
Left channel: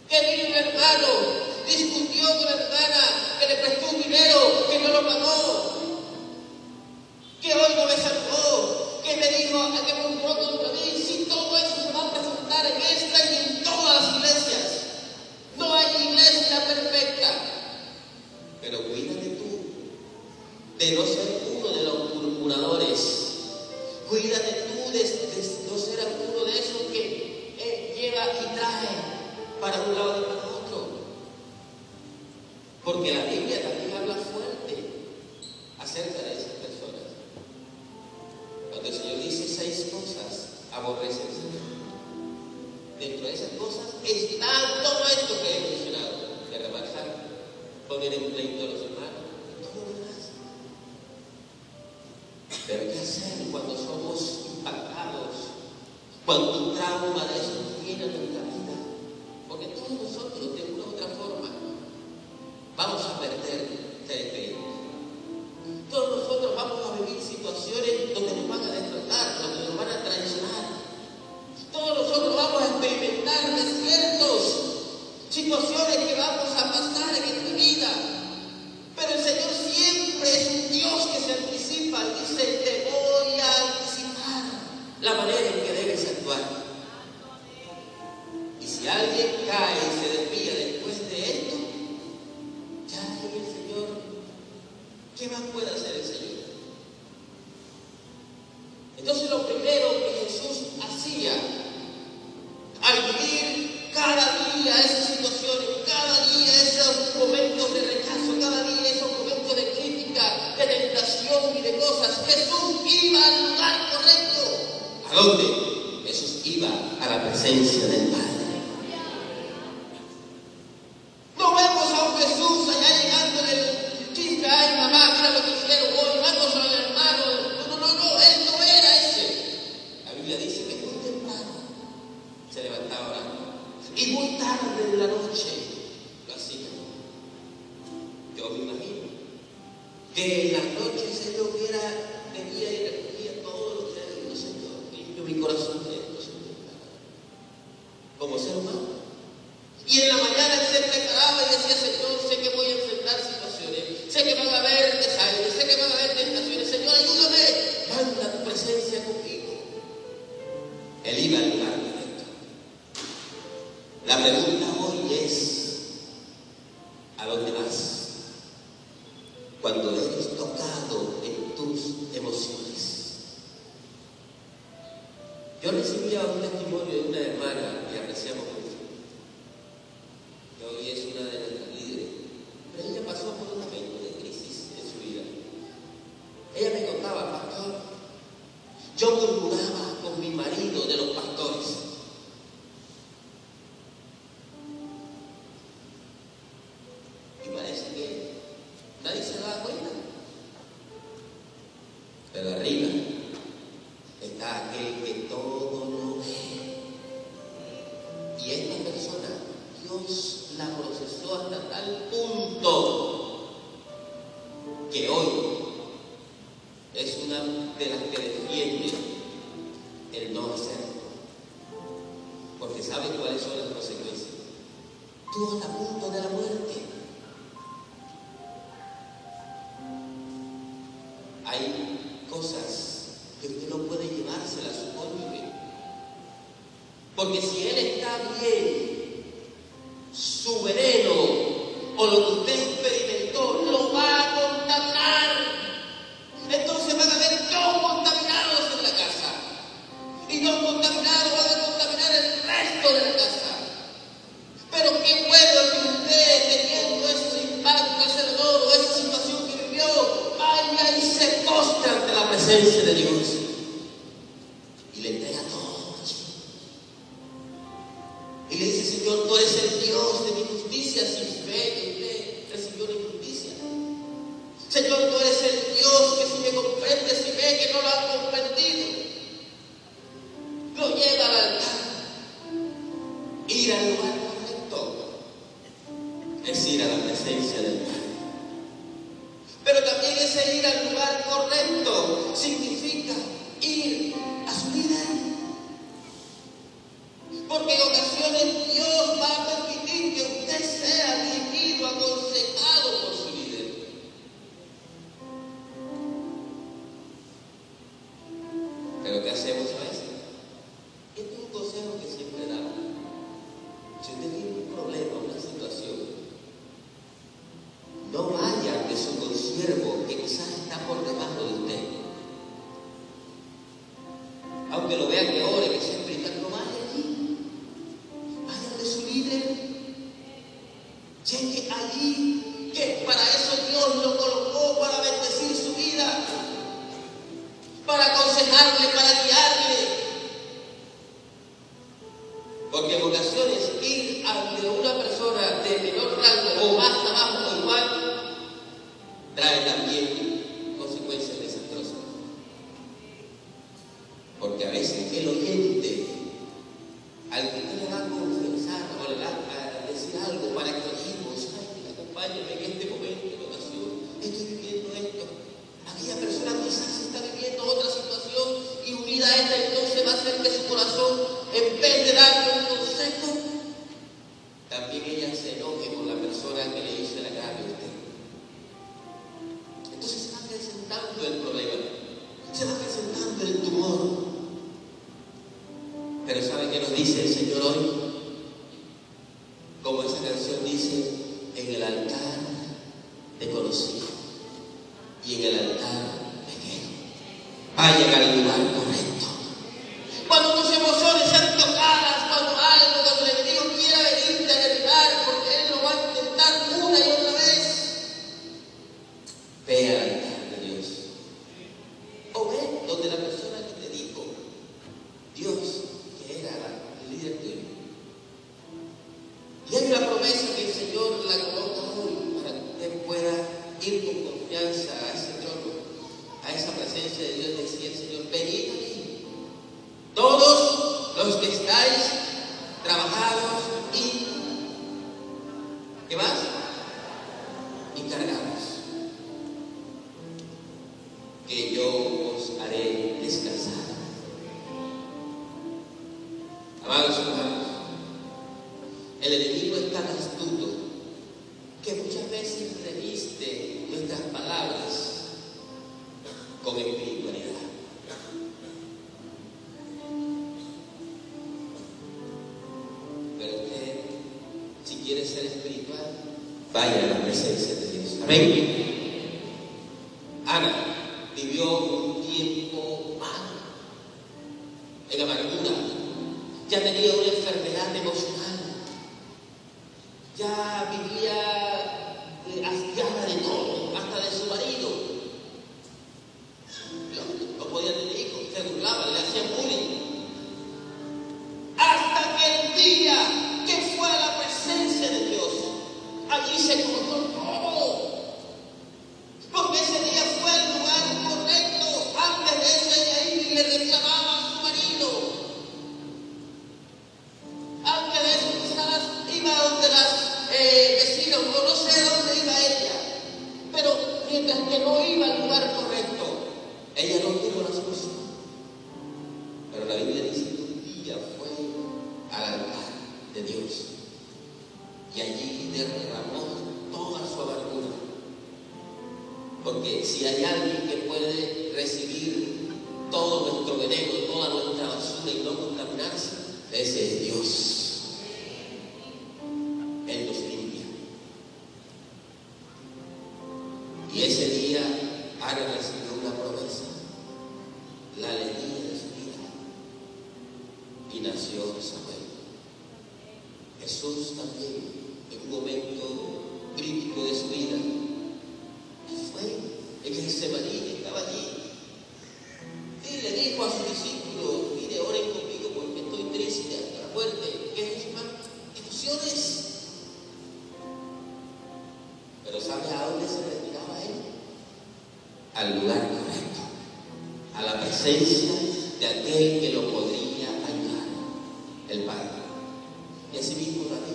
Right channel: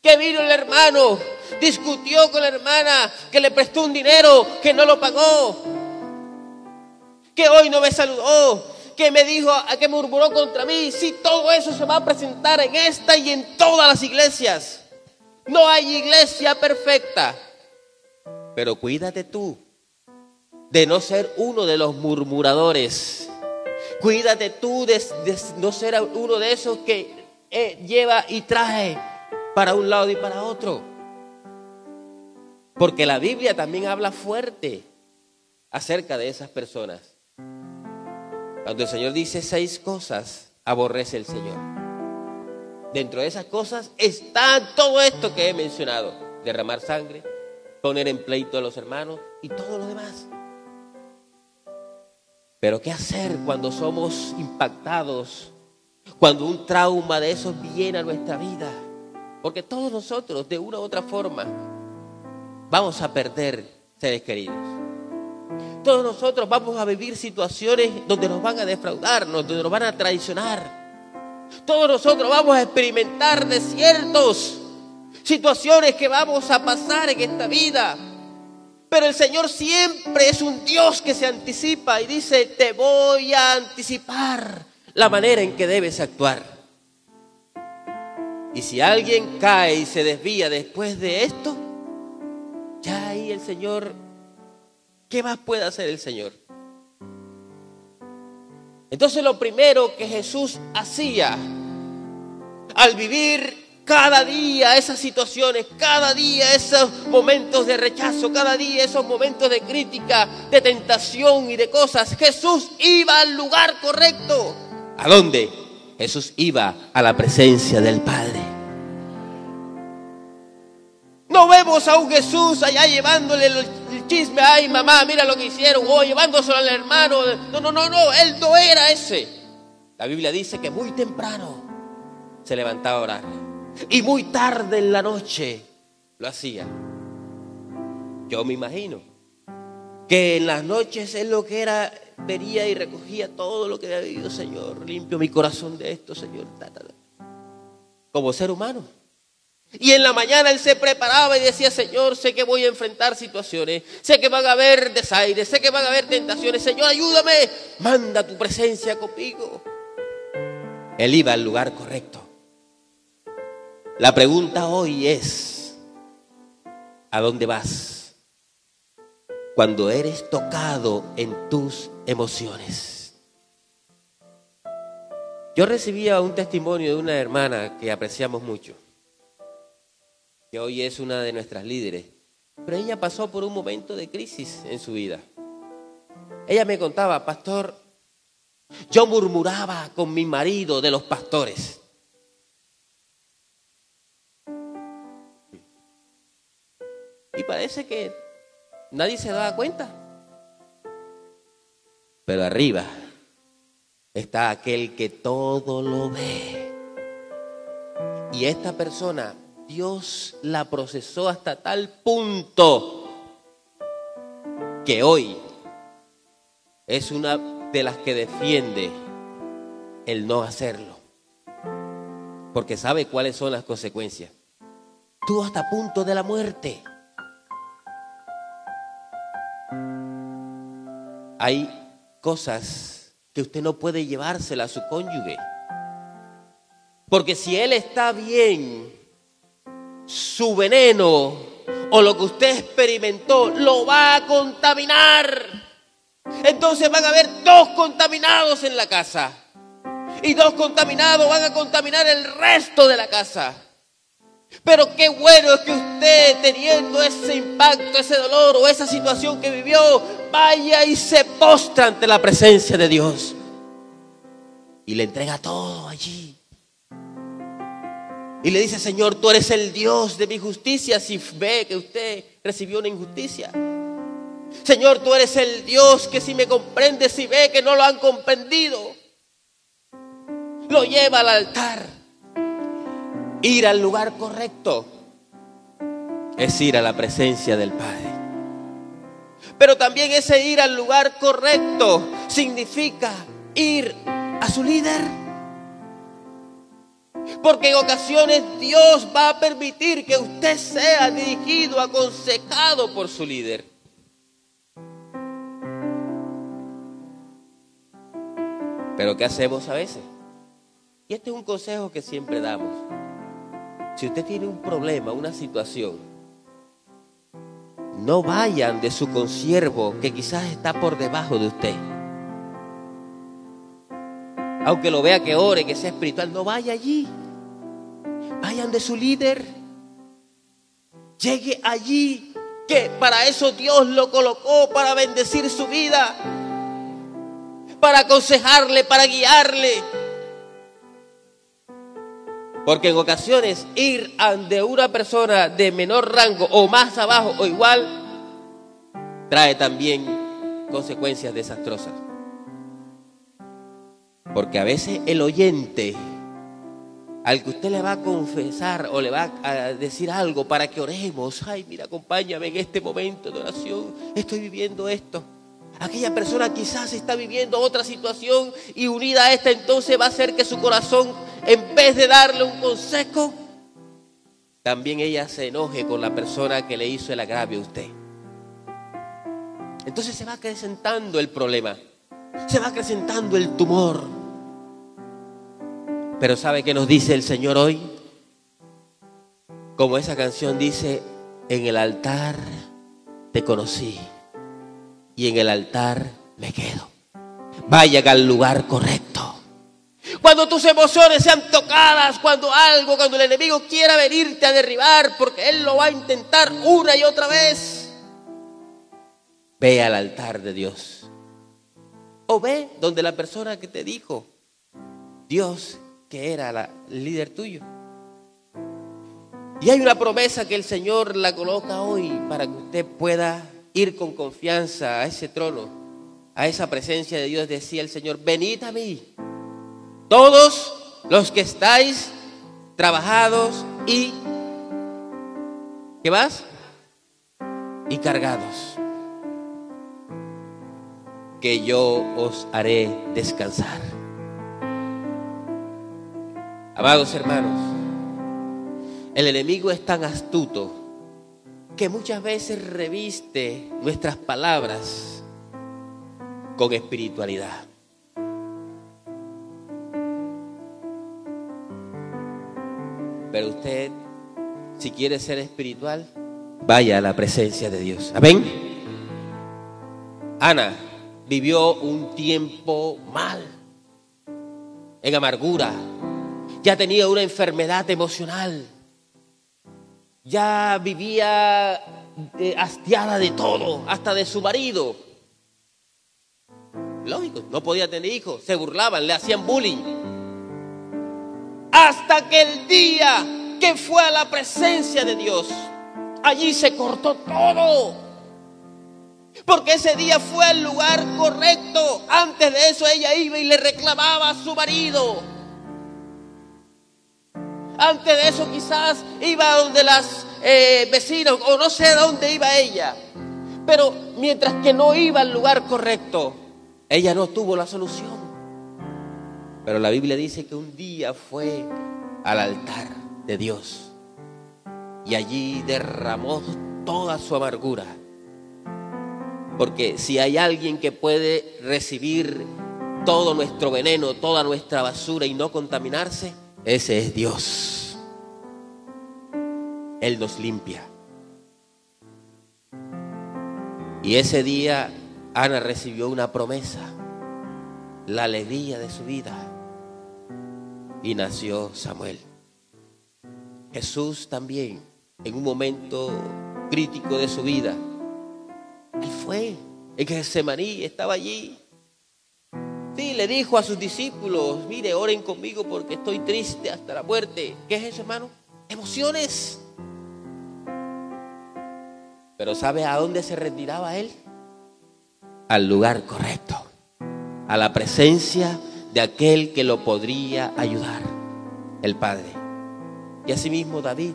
Que vino el hermano, discutió con la hermana, que le prestó un dinero, que no lo pagó, que hoy no me saludó, que me dijo, que murmuró contra mí. Sí, todo eso se va a presentar en esta y en todas las iglesias. No hay iglesia perfecta. Pero cuídate tú de no ser uno de los murmuradores. Cuídate tú de no ser uno de esos que lleva y trae para un lado y para otro. Porque la Biblia también habla fuerte acerca de esas personas. Cuando el Señor dice 6 cosas, aborrece el Señor. Dentro de esas cosas está todo esto que he mencionado: derramar sangre, poner en pleito a los hermanos y todo lo demás. Pero ¿qué hacer cuando somos impactados? Cuando un trauma de esos viene a nuestra vida. Porque todos nosotros, de una u otra forma, vamos a perder seres queridos. Todos nosotros vamos a vivir situaciones donde nos van a defraudar, donde nos van a traicionar. Todos nosotros vamos a experimentar desiertos, situaciones que vamos a pasar en esta vida. Pero el Señor siempre es un Dios que se anticipa y dice: te voy a anticipar la manera en que debes actuar. Y si alguien cae y se desvía después de esto, ya ahí el Señor, ¿qué más puede hacer el Señor? Entonces lo primero que Jesús hacía al vivir cada día esas situaciones, cada día esos momentos de rechazo, cada día esos momentos de crítica, de tentación y de cosas, Jesús iba al lugar correcto. ¿A dónde? Jesús iba a la presencia del Padre. No vemos a un Jesús allá llevándole el chisme: ay mamá, mira lo que hicieron, o llevándoselo al hermano. No, él no era ese. La Biblia dice que muy temprano se levantaba a orar y muy tarde en la noche lo hacía. Yo me imagino que en las noches es lo que era, venía y recogía todo lo que había vivido. Señor, limpio mi corazón de esto, Señor, como ser humano. Y en la mañana él se preparaba y decía: Señor, sé que voy a enfrentar situaciones, sé que van a haber desaires, sé que van a haber tentaciones. Señor, ayúdame, manda tu presencia conmigo. Él iba al lugar correcto. La pregunta hoy es: ¿a dónde vas cuando eres tocado en tus emociones? Yo recibía un testimonio de una hermana que apreciamos mucho, que hoy es una de nuestras líderes, pero ella pasó por un momento de crisis en su vida. Ella me contaba: pastor, yo murmuraba con mi marido de los pastores. Y parece que nadie se daba cuenta. Pero arriba está aquel que todo lo ve. Y esta persona, Dios la procesó hasta tal punto que hoy es una de las que defiende el no hacerlo, porque sabe cuáles son las consecuencias. Tú hasta punto de la muerte. Hay cosas que usted no puede llevársela a su cónyuge, porque si él está bien, su veneno o lo que usted experimentó lo va a contaminar. Entonces van a haber 2 contaminados en la casa, y 2 contaminados van a contaminar el resto de la casa. Pero qué bueno es que usted, teniendo ese impacto, ese dolor o esa situación que vivió, vaya y se postra ante la presencia de Dios y le entrega todo allí. Y le dice: Señor, tú eres el Dios de mi justicia, si ve que usted recibió una injusticia. Señor, tú eres el Dios que si me comprende, si ve que no lo han comprendido. Lo lleva al altar. Ir al lugar correcto. es ir a la presencia del Padre. Pero también ese ir al lugar correcto significa ir a su líder. Porque en ocasiones Dios va a permitir que usted sea dirigido, aconsejado por su líder. Pero ¿qué hacemos a veces? Y este es un consejo que siempre damos. Si usted tiene un problema, una situación, no vayan de su consiervo que quizás está por debajo de usted. Aunque lo vea que ore, que sea espiritual, no vaya allí. Vayan de su líder. Llegue allí, que para eso Dios lo colocó, para bendecir su vida, para aconsejarle, para guiarle. Porque en ocasiones ir ante una persona de menor rango o más abajo o igual trae también consecuencias desastrosas. Porque a veces el oyente al que usted le va a confesar o le va a decir algo para que oremos, ay, mira, acompáñame en este momento de oración, estoy viviendo esto. Aquella persona quizás está viviendo otra situación y unida a esta entonces va a hacer que su corazón, en vez de darle un consejo, también ella se enoje con la persona que le hizo el agravio a usted. Entonces se va acrecentando el problema, se va acrecentando el tumor. Pero ¿sabe qué nos dice el Señor hoy? Como esa canción dice, en el altar te conocí y en el altar me quedo. Vayan al lugar correcto. Cuando tus emociones sean tocadas, cuando el enemigo quiera venirte a derribar, porque él lo va a intentar una y otra vez, ve al altar de Dios. O ve donde la persona que te dijo, Dios, que era el líder tuyo. Y hay una promesa que el Señor la coloca hoy para que usted pueda ir con confianza a ese trono, a esa presencia de Dios. Decía el Señor, venid a mí, todos los que estáis trabajados y, ¿qué más? Y cargados, que yo os haré descansar. Amados hermanos, el enemigo es tan astuto que muchas veces reviste nuestras palabras con espiritualidad. Pero usted, si quiere ser espiritual, vaya a la presencia de Dios. Amén. Ana vivió un tiempo mal, en amargura. Ya tenía una enfermedad emocional. Ya vivía hastiada de todo, hasta de su marido. Lógico, no podía tener hijos, se burlaban, le hacían bullying. Hasta que el día que fue a la presencia de Dios, allí se cortó todo. Porque ese día fue al lugar correcto. Antes de eso ella iba y le reclamaba a su marido. Antes de eso quizás iba donde las vecinos o no sé dónde iba ella. Pero mientras que no iba al lugar correcto, ella no tuvo la solución. Pero la Biblia dice que un día fue al altar de Dios y allí derramó toda su amargura. Porque si hay alguien que puede recibir todo nuestro veneno, toda nuestra basura y no contaminarse, ese es Dios. Él nos limpia. Y ese día Ana recibió una promesa, la alegría de su vida, y nació Samuel. Jesús también, en un momento crítico de su vida, él fue en Getsemaní, estaba allí. Sí, le dijo a sus discípulos, mire, oren conmigo porque estoy triste hasta la muerte. ¿Qué es eso, hermano? Emociones. Pero ¿sabe a dónde se retiraba él? Al lugar correcto, a la presencia de aquel que lo podría ayudar, el Padre. Y asimismo David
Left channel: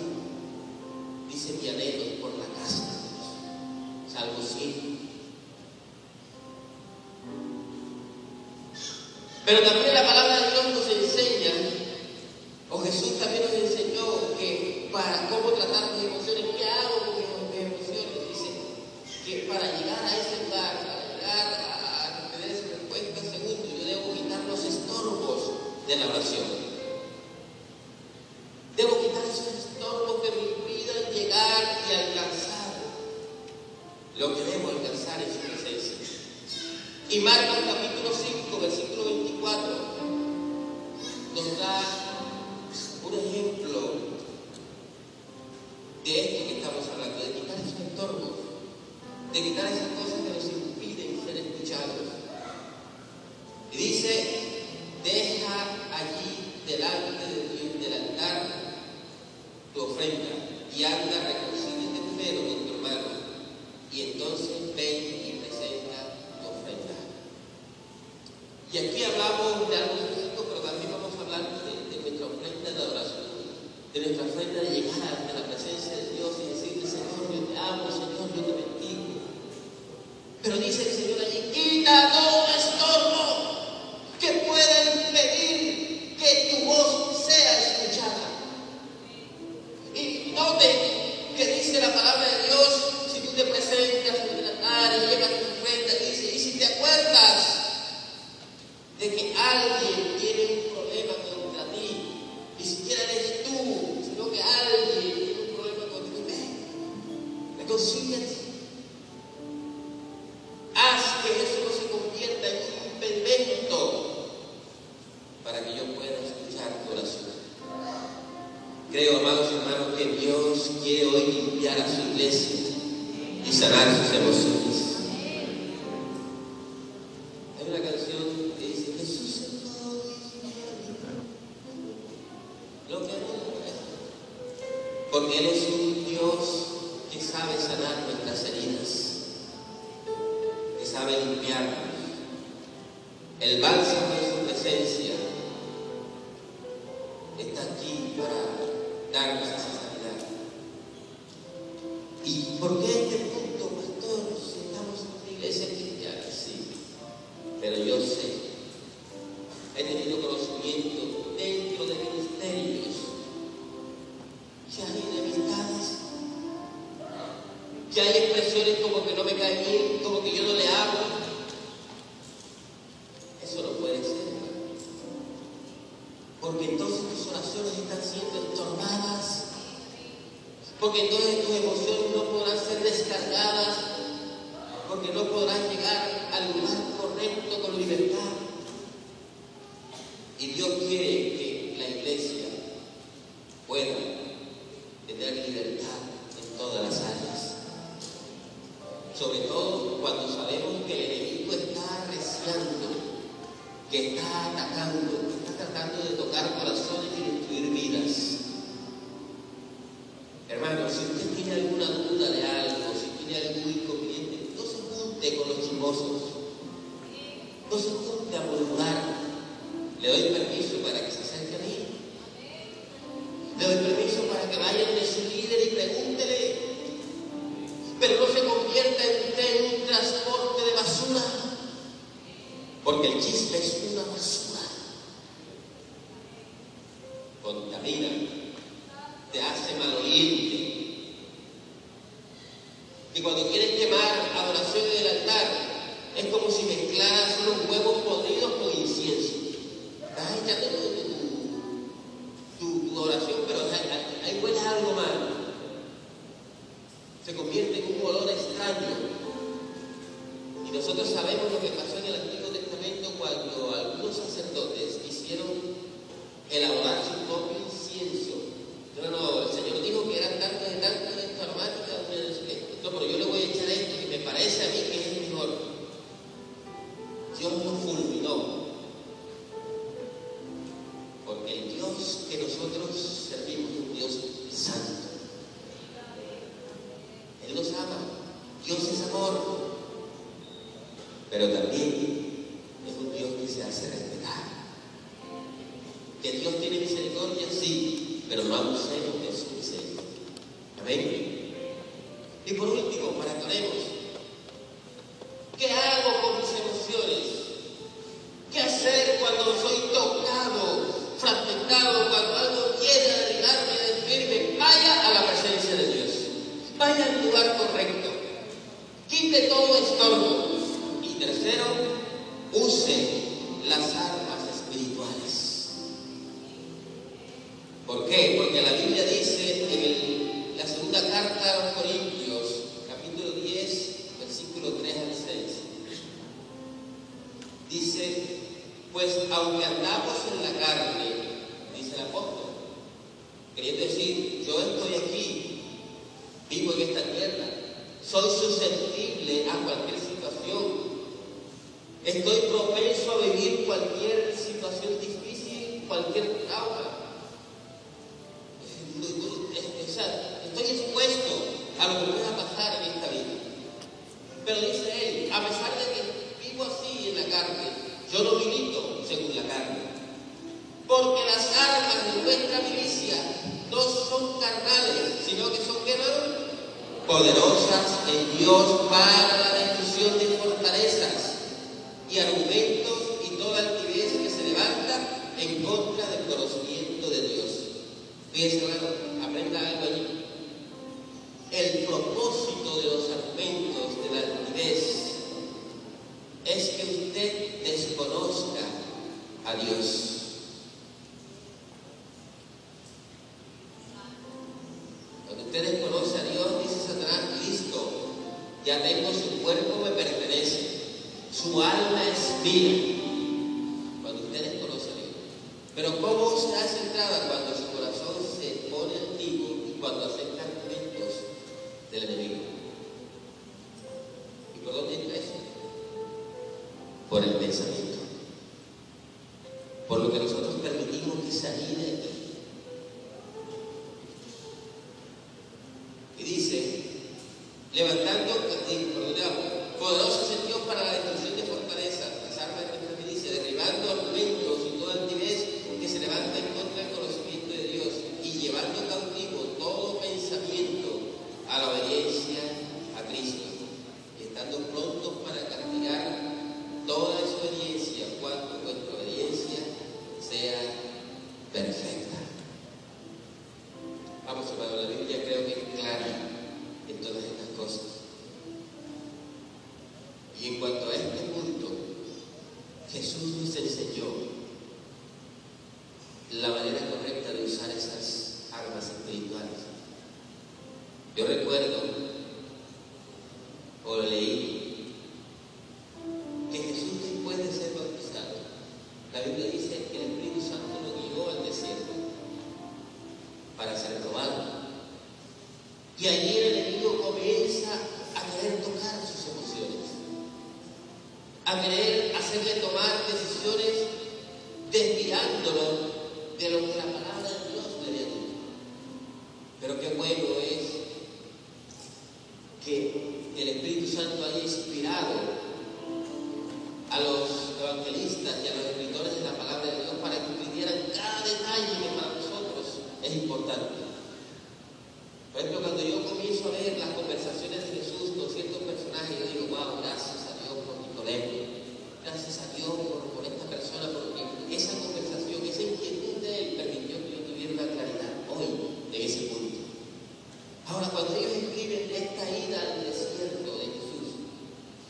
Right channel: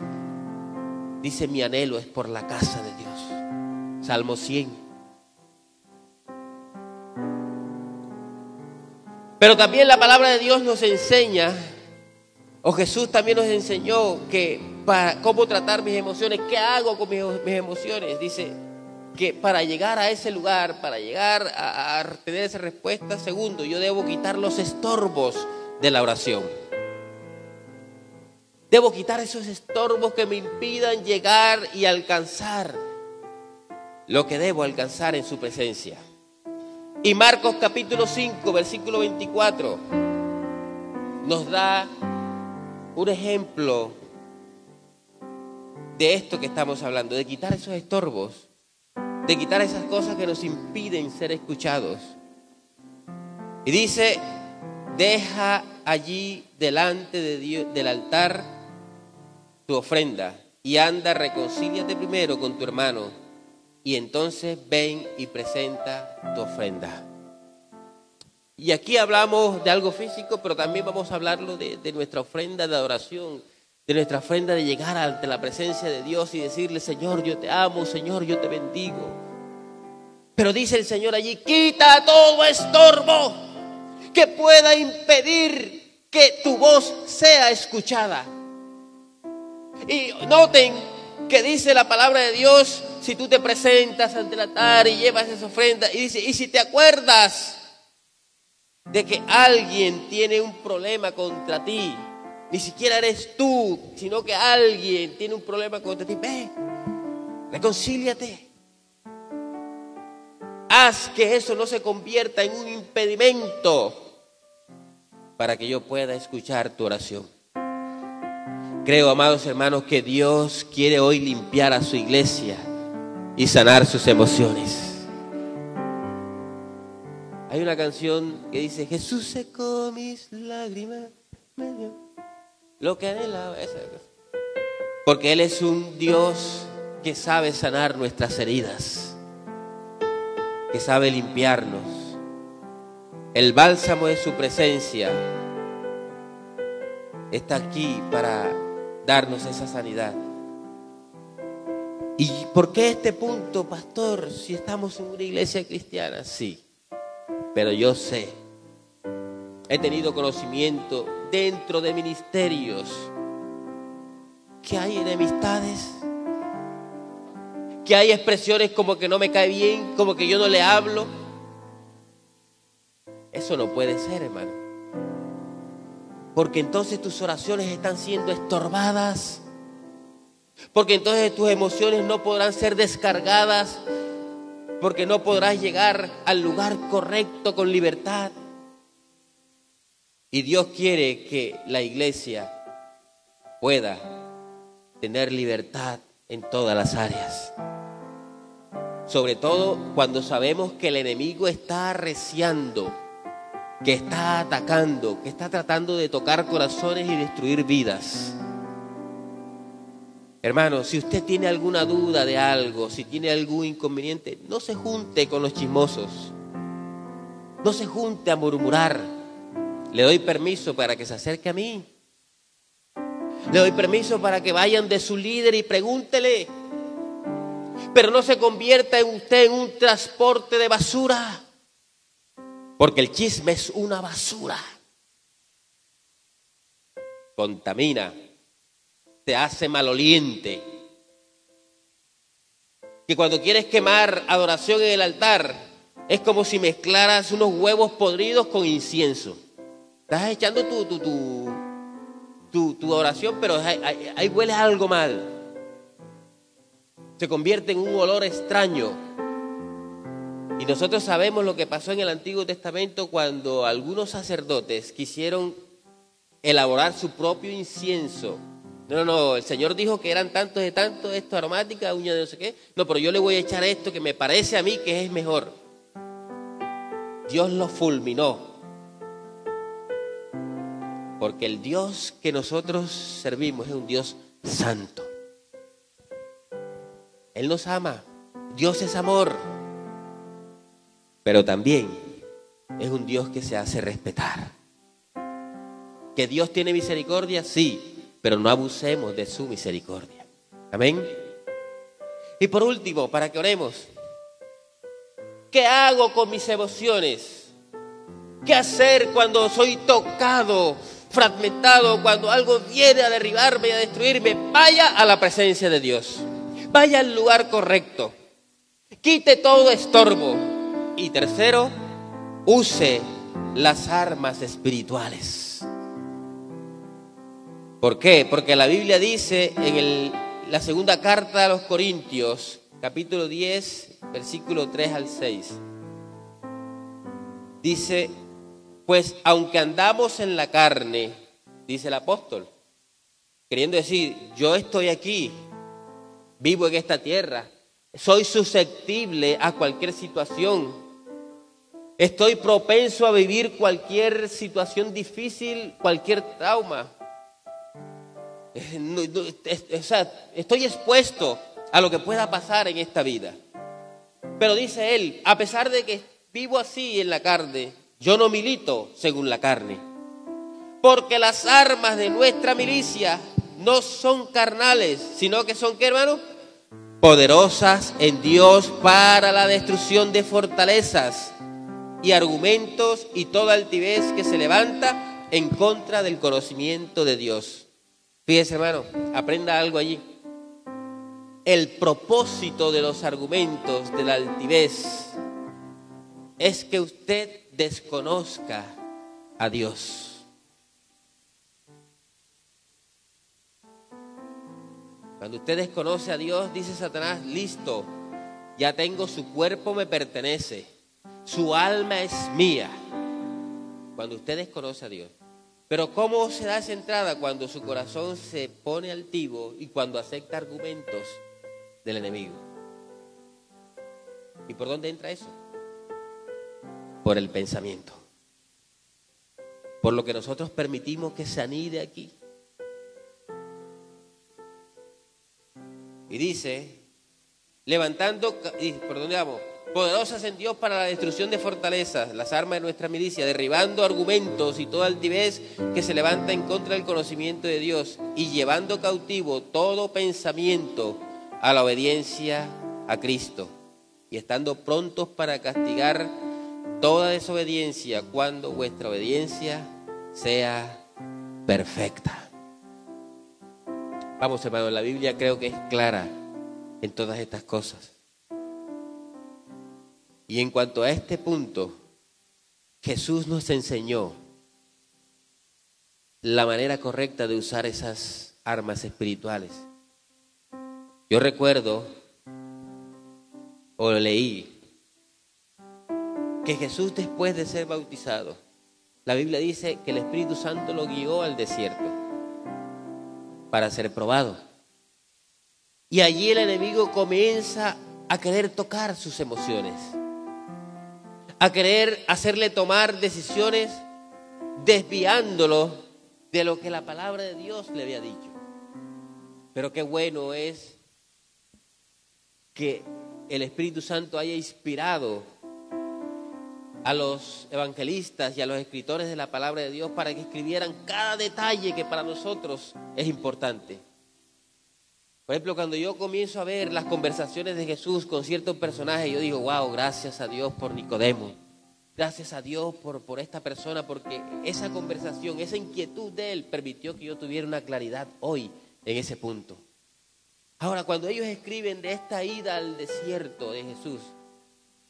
Dice: mi anhelo es por la casa de Dios. Salmo 100. Pero también la palabra de Dios nos enseña, o Jesús también nos enseñó, que cómo tratar mis emociones, qué hago con mis emociones. Dice que para llegar a ese lugar, para llegar a tener esa respuesta, segundo, yo debo quitar los estorbos de la oración. Debo quitar esos estorbos que me impidan llegar y alcanzar lo que debo alcanzar en su presencia. Y Marcos capítulo 5, versículo 24, nos da un ejemplo de esto que estamos hablando, de quitar esos estorbos, de quitar esas cosas que nos impiden ser escuchados. Y dice: deja allí delante de Dios, del altar, tu ofrenda, y anda, reconcíliate primero con tu hermano, y entonces ven y presenta tu ofrenda. Y aquí hablamos de algo físico, pero también vamos a hablarlo de nuestra ofrenda de adoración, de nuestra ofrenda de llegar ante la presencia de Dios y decirle: Señor, yo te amo, Señor, yo te bendigo. Pero dice el Señor allí: quita todo estorbo que pueda impedir que tu voz sea escuchada. Y noten que dice la palabra de Dios: si tú te presentas ante el altar y llevas esa ofrenda, y dice: y si te acuerdas de que alguien tiene un problema contra ti, ni siquiera eres tú, sino que alguien tiene un problema contra ti, ven, reconcíliate. Haz que eso no se convierta en un impedimento para que yo pueda escuchar tu oración. Creo, amados hermanos, que Dios quiere hoy limpiar a su iglesia y sanar sus emociones. Hay una canción que dice: Jesús secó mis lágrimas, lo que anhelaba. Porque Él es un Dios que sabe sanar nuestras heridas, que sabe limpiarnos. El bálsamo de su presencia está aquí para darnos esa sanidad. ¿Y por qué este punto, pastor? Si estamos en una iglesia cristiana, sí. Pero yo sé, he tenido conocimiento dentro de ministerios que hay enemistades, que hay expresiones como que no me cae bien, como que yo no le hablo. Eso no puede ser, hermano. Porque entonces tus oraciones están siendo estorbadas. Porque entonces tus emociones no podrán ser descargadas. Porque no podrás llegar al lugar correcto con libertad. Y Dios quiere que la iglesia pueda tener libertad en todas las áreas. Sobre todo cuando sabemos que el enemigo está arreciando, que está atacando, que está tratando de tocar corazones y destruir vidas. Hermano, si usted tiene alguna duda de algo, si tiene algún inconveniente, no se junte con los chismosos. No se junte a murmurar. Le doy permiso para que se acerque a mí. Le doy permiso para que vayan de su líder y pregúntele. Pero no se convierta en usted en un transporte de basura. Porque el chisme es una basura. Contamina. Te hace maloliente. Que cuando quieres quemar adoración en el altar, es como si mezclaras unos huevos podridos con incienso. Estás echando tu oración, pero ahí huele algo mal. Se convierte en un olor extraño. Y nosotros sabemos lo que pasó en el Antiguo Testamento cuando algunos sacerdotes quisieron elaborar su propio incienso. No, el Señor dijo que eran tantos de tantos, esto aromática, uña de no sé qué. No, pero yo le voy a echar esto que me parece a mí que es mejor. Dios los fulminó. Porque el Dios que nosotros servimos es un Dios santo. Él nos ama. Dios es amor. Pero también es un Dios que se hace respetar. ¿Que Dios tiene misericordia? Sí. Pero no abusemos de su misericordia. Amén. Y por último, para que oremos, ¿qué hago con mis emociones? ¿Qué hacer cuando soy tocado, fragmentado, cuando algo viene a derribarme y a destruirme? Vaya a la presencia de Dios. Vaya al lugar correcto. Quite todo estorbo. Y tercero, use las armas espirituales. ¿Por qué? Porque la Biblia dice en la segunda carta a los Corintios, capítulo 10, versículo 3 al 6. Dice, pues aunque andamos en la carne, dice el apóstol, queriendo decir, yo estoy aquí, vivo en esta tierra, soy susceptible a cualquier situación, estoy propenso a vivir cualquier situación difícil, cualquier trauma. Estoy expuesto a lo que pueda pasar en esta vida. Pero dice él, a pesar de que vivo así en la carne, yo no milito según la carne. Porque las armas de nuestra milicia no son carnales, sino que son, ¿qué, hermano? Poderosas en Dios para la destrucción de fortalezas y argumentos y toda altivez que se levanta en contra del conocimiento de Dios. Fíjese, hermano, aprenda algo allí. El propósito de los argumentos de la altivez es que usted desconozca a Dios. Cuando usted desconoce a Dios, dice Satanás, listo, ya tengo su cuerpo, me pertenece, su alma es mía. Cuando usted desconoce a Dios. Pero ¿cómo se hace entrada? Cuando su corazón se pone altivo y cuando acepta argumentos del enemigo. ¿Y por dónde entra eso? Por el pensamiento. Por lo que nosotros permitimos que se anide aquí. Y dice, poderosas en Dios para la destrucción de fortalezas, las armas de nuestra milicia, derribando argumentos y toda altivez que se levanta en contra del conocimiento de Dios y llevando cautivo todo pensamiento a la obediencia a Cristo y estando prontos para castigar toda desobediencia cuando vuestra obediencia sea perfecta. Vamos, hermano, la Biblia creo que es clara en todas estas cosas. Y en cuanto a este punto, Jesús nos enseñó la manera correcta de usar esas armas espirituales. Yo recuerdo, o leí, que Jesús, después de ser bautizado, la Biblia dice que el Espíritu Santo lo guió al desierto para ser probado. Y allí el enemigo comienza a querer tocar sus emociones, a querer hacerle tomar decisiones desviándolo de lo que la palabra de Dios le había dicho. Pero qué bueno es que el Espíritu Santo haya inspirado a los evangelistas y a los escritores de la palabra de Dios para que escribieran cada detalle que para nosotros es importante. Por ejemplo, cuando yo comienzo a ver las conversaciones de Jesús con ciertos personajes, yo digo, wow, gracias a Dios por Nicodemo, gracias a Dios por esta persona, porque esa conversación, esa inquietud de él permitió que yo tuviera una claridad hoy en ese punto. Ahora, cuando ellos escriben de esta ida al desierto de Jesús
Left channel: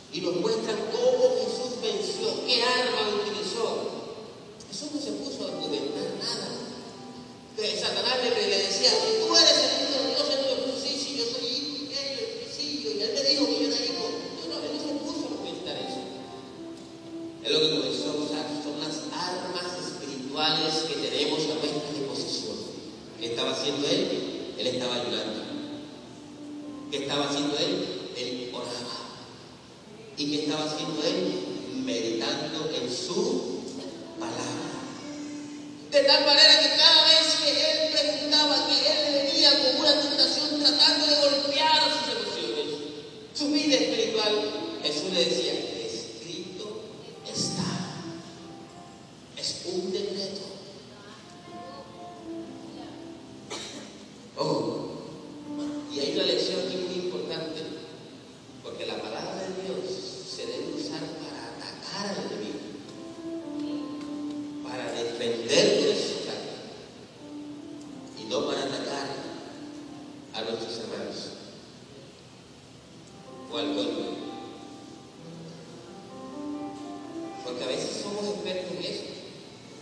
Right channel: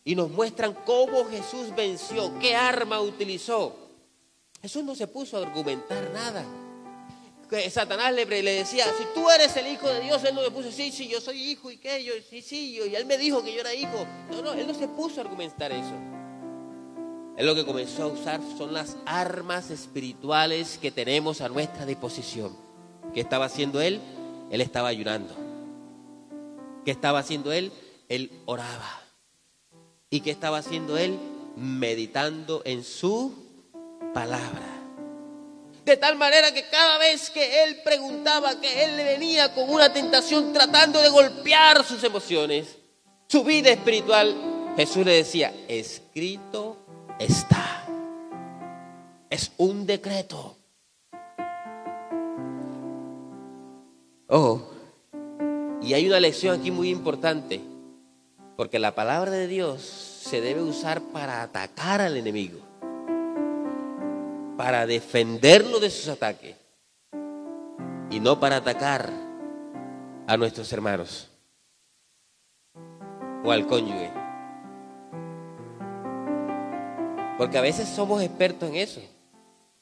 y nos muestran cómo Jesús venció, qué arma utilizó, Jesús no se puso a documentar nada. Satanás le decía, tú eres el Hijo de Dios. Él no le puso, sí, yo soy hijo y que y él me dijo que yo era hijo. No, él no se puso a argumentar eso. Él lo que comenzó a usar son las armas espirituales que tenemos a nuestra disposición. ¿Qué estaba haciendo él? Él estaba ayunando. ¿Qué estaba haciendo él? Él oraba. ¿Y qué estaba haciendo él? Meditando en su palabra. De tal manera que cada vez que él preguntaba, que él le venía con una tentación tratando de golpear sus emociones, su vida espiritual, Jesús le decía, escrito está. Es un decreto. Oh, Y hay una lección aquí muy importante, porque la palabra de Dios se debe usar para atacar al enemigo, para defenderlo de sus ataques, y no para atacar a nuestros hermanos o al cónyuge. Porque a veces somos expertos en eso.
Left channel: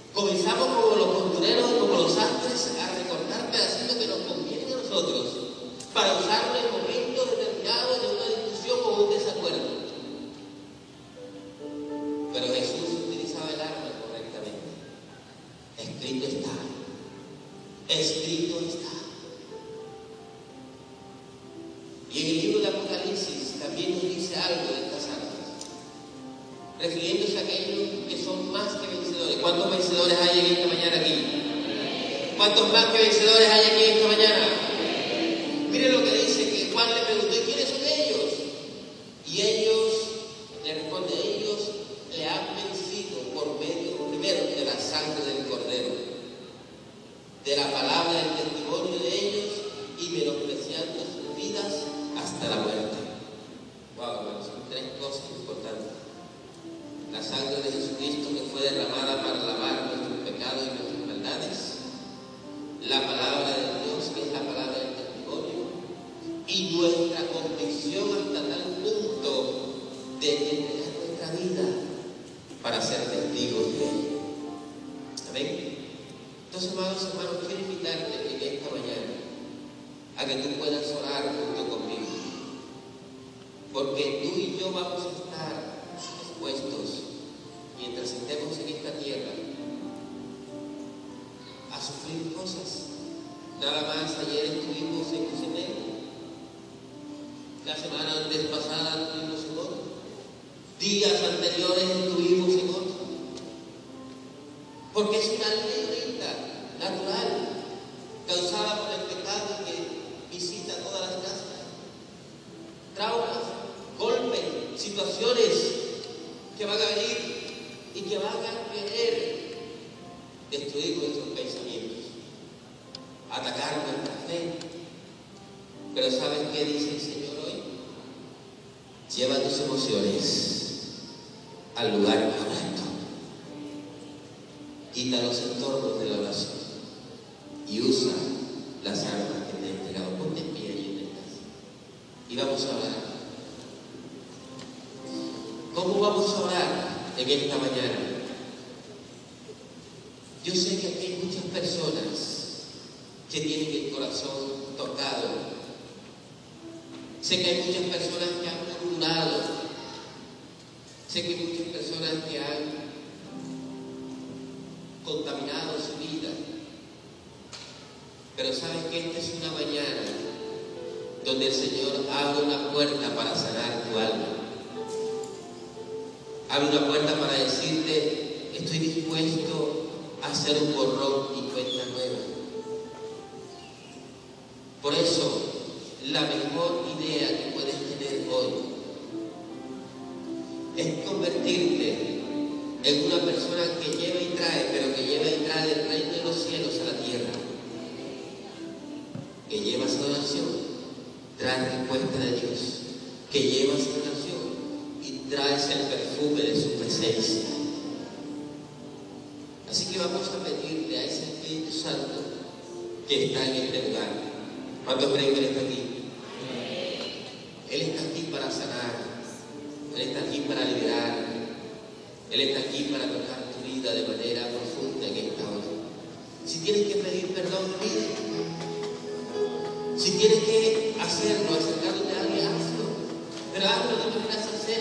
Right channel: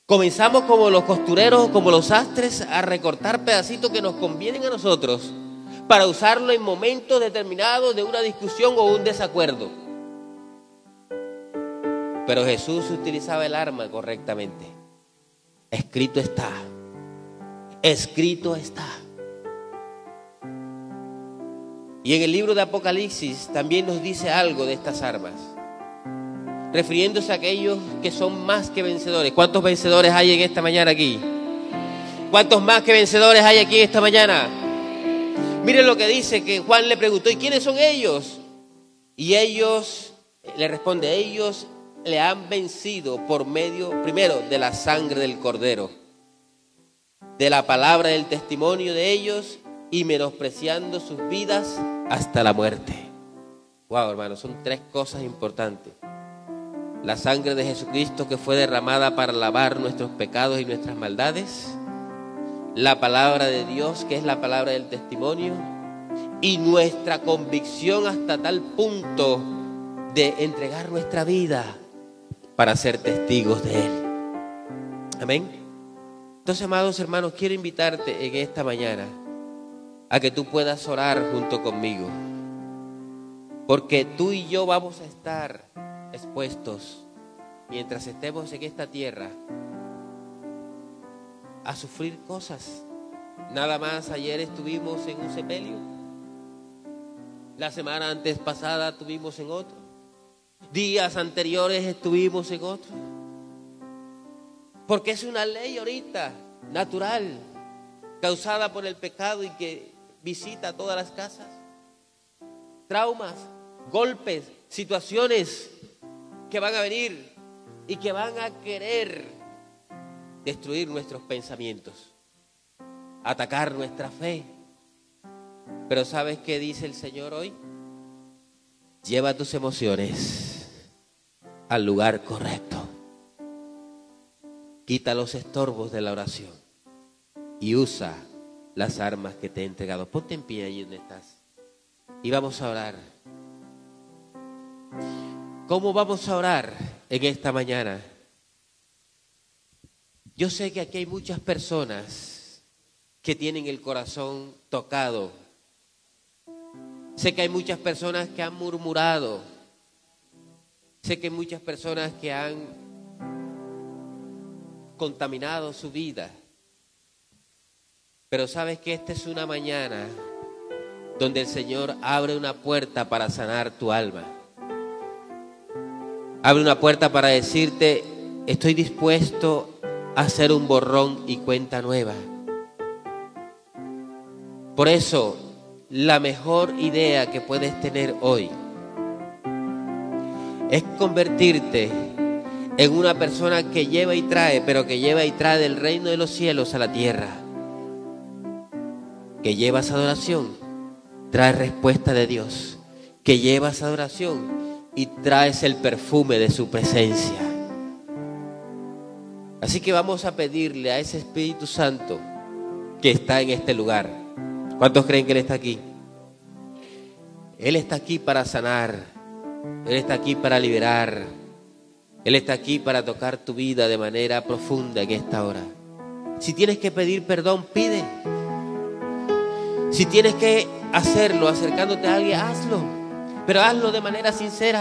Comenzamos como los costureros, como los sastres, a recortar pedacitos que nos convienen a nosotros para usarlo en momentos determinados de una discusión o un desacuerdo. Pero Jesús utilizaba el arma correctamente. Escrito está. Escrito está. Y en el libro de Apocalipsis también nos dice algo de estas armas, refiriéndose a aquellos que son más que vencedores. ¿Cuántos vencedores hay en esta mañana aquí? ¿Cuántos más que vencedores hay aquí esta mañana? Miren lo que dice, que Juan le preguntó, ¿y quiénes son ellos? Y ellos, le responde, ellos le han vencido por medio, primero, de la sangre del Cordero, de la palabra del testimonio de ellos, y menospreciando sus vidas hasta la muerte. Wow, hermanos, son tres cosas importantes. La sangre de Jesucristo, que fue derramada para lavar nuestros pecados y nuestras maldades. La palabra de Dios, que es la palabra del testimonio. Y nuestra convicción hasta tal punto de entregar nuestra vida para ser testigos de Él. Amén. Entonces, amados hermanos, quiero invitarte en esta mañana a que tú puedas orar junto conmigo, porque tú y yo vamos a estar expuestos, mientras estemos en esta tierra, a sufrir cosas. Nada más ayer estuvimos en un sepelio, la semana antes pasada estuvimos en otro, días anteriores estuvimos en otro, porque es una ley ahorita natural, causada por el pecado y que visita todas las casas. Traumas, golpes, situaciones que van a venir y que van a querer destruir nuestros pensamientos, atacar nuestra fe. Pero ¿sabes qué dice el Señor hoy? Lleva tus emociones al lugar correcto. Quita los estorbos de la oración y usa las armas que te he entregado. Ponte en pie ahí donde estás y vamos a orar. ¿Cómo vamos a orar en esta mañana? Yo sé que aquí hay muchas personas que tienen el corazón tocado. Sé que hay muchas personas que han murmurado. Sé que hay muchas personas que han contaminado su vida. Pero saben que esta es una mañana donde el Señor abre una puerta para sanar tu alma. Abre una puerta para decirte, estoy dispuesto a hacer un borrón y cuenta nueva. Por eso, la mejor idea que puedes tener hoy es convertirte en una persona que lleva y trae, pero que lleva y trae del reino de los cielos a la tierra. Que llevas adoración, traes respuesta de Dios. Que llevas adoración y traes el perfume de su presencia. Así que vamos a pedirle a ese Espíritu Santo que está en este lugar. ¿Cuántos creen que Él está aquí? Él está aquí para sanar. Él está aquí para liberar. Él está aquí para tocar tu vida de manera profunda en esta hora. Si tienes que pedir perdón, pide. Si tienes que hacerlo acercándote a alguien, hazlo. Pero hazlo de manera sincera.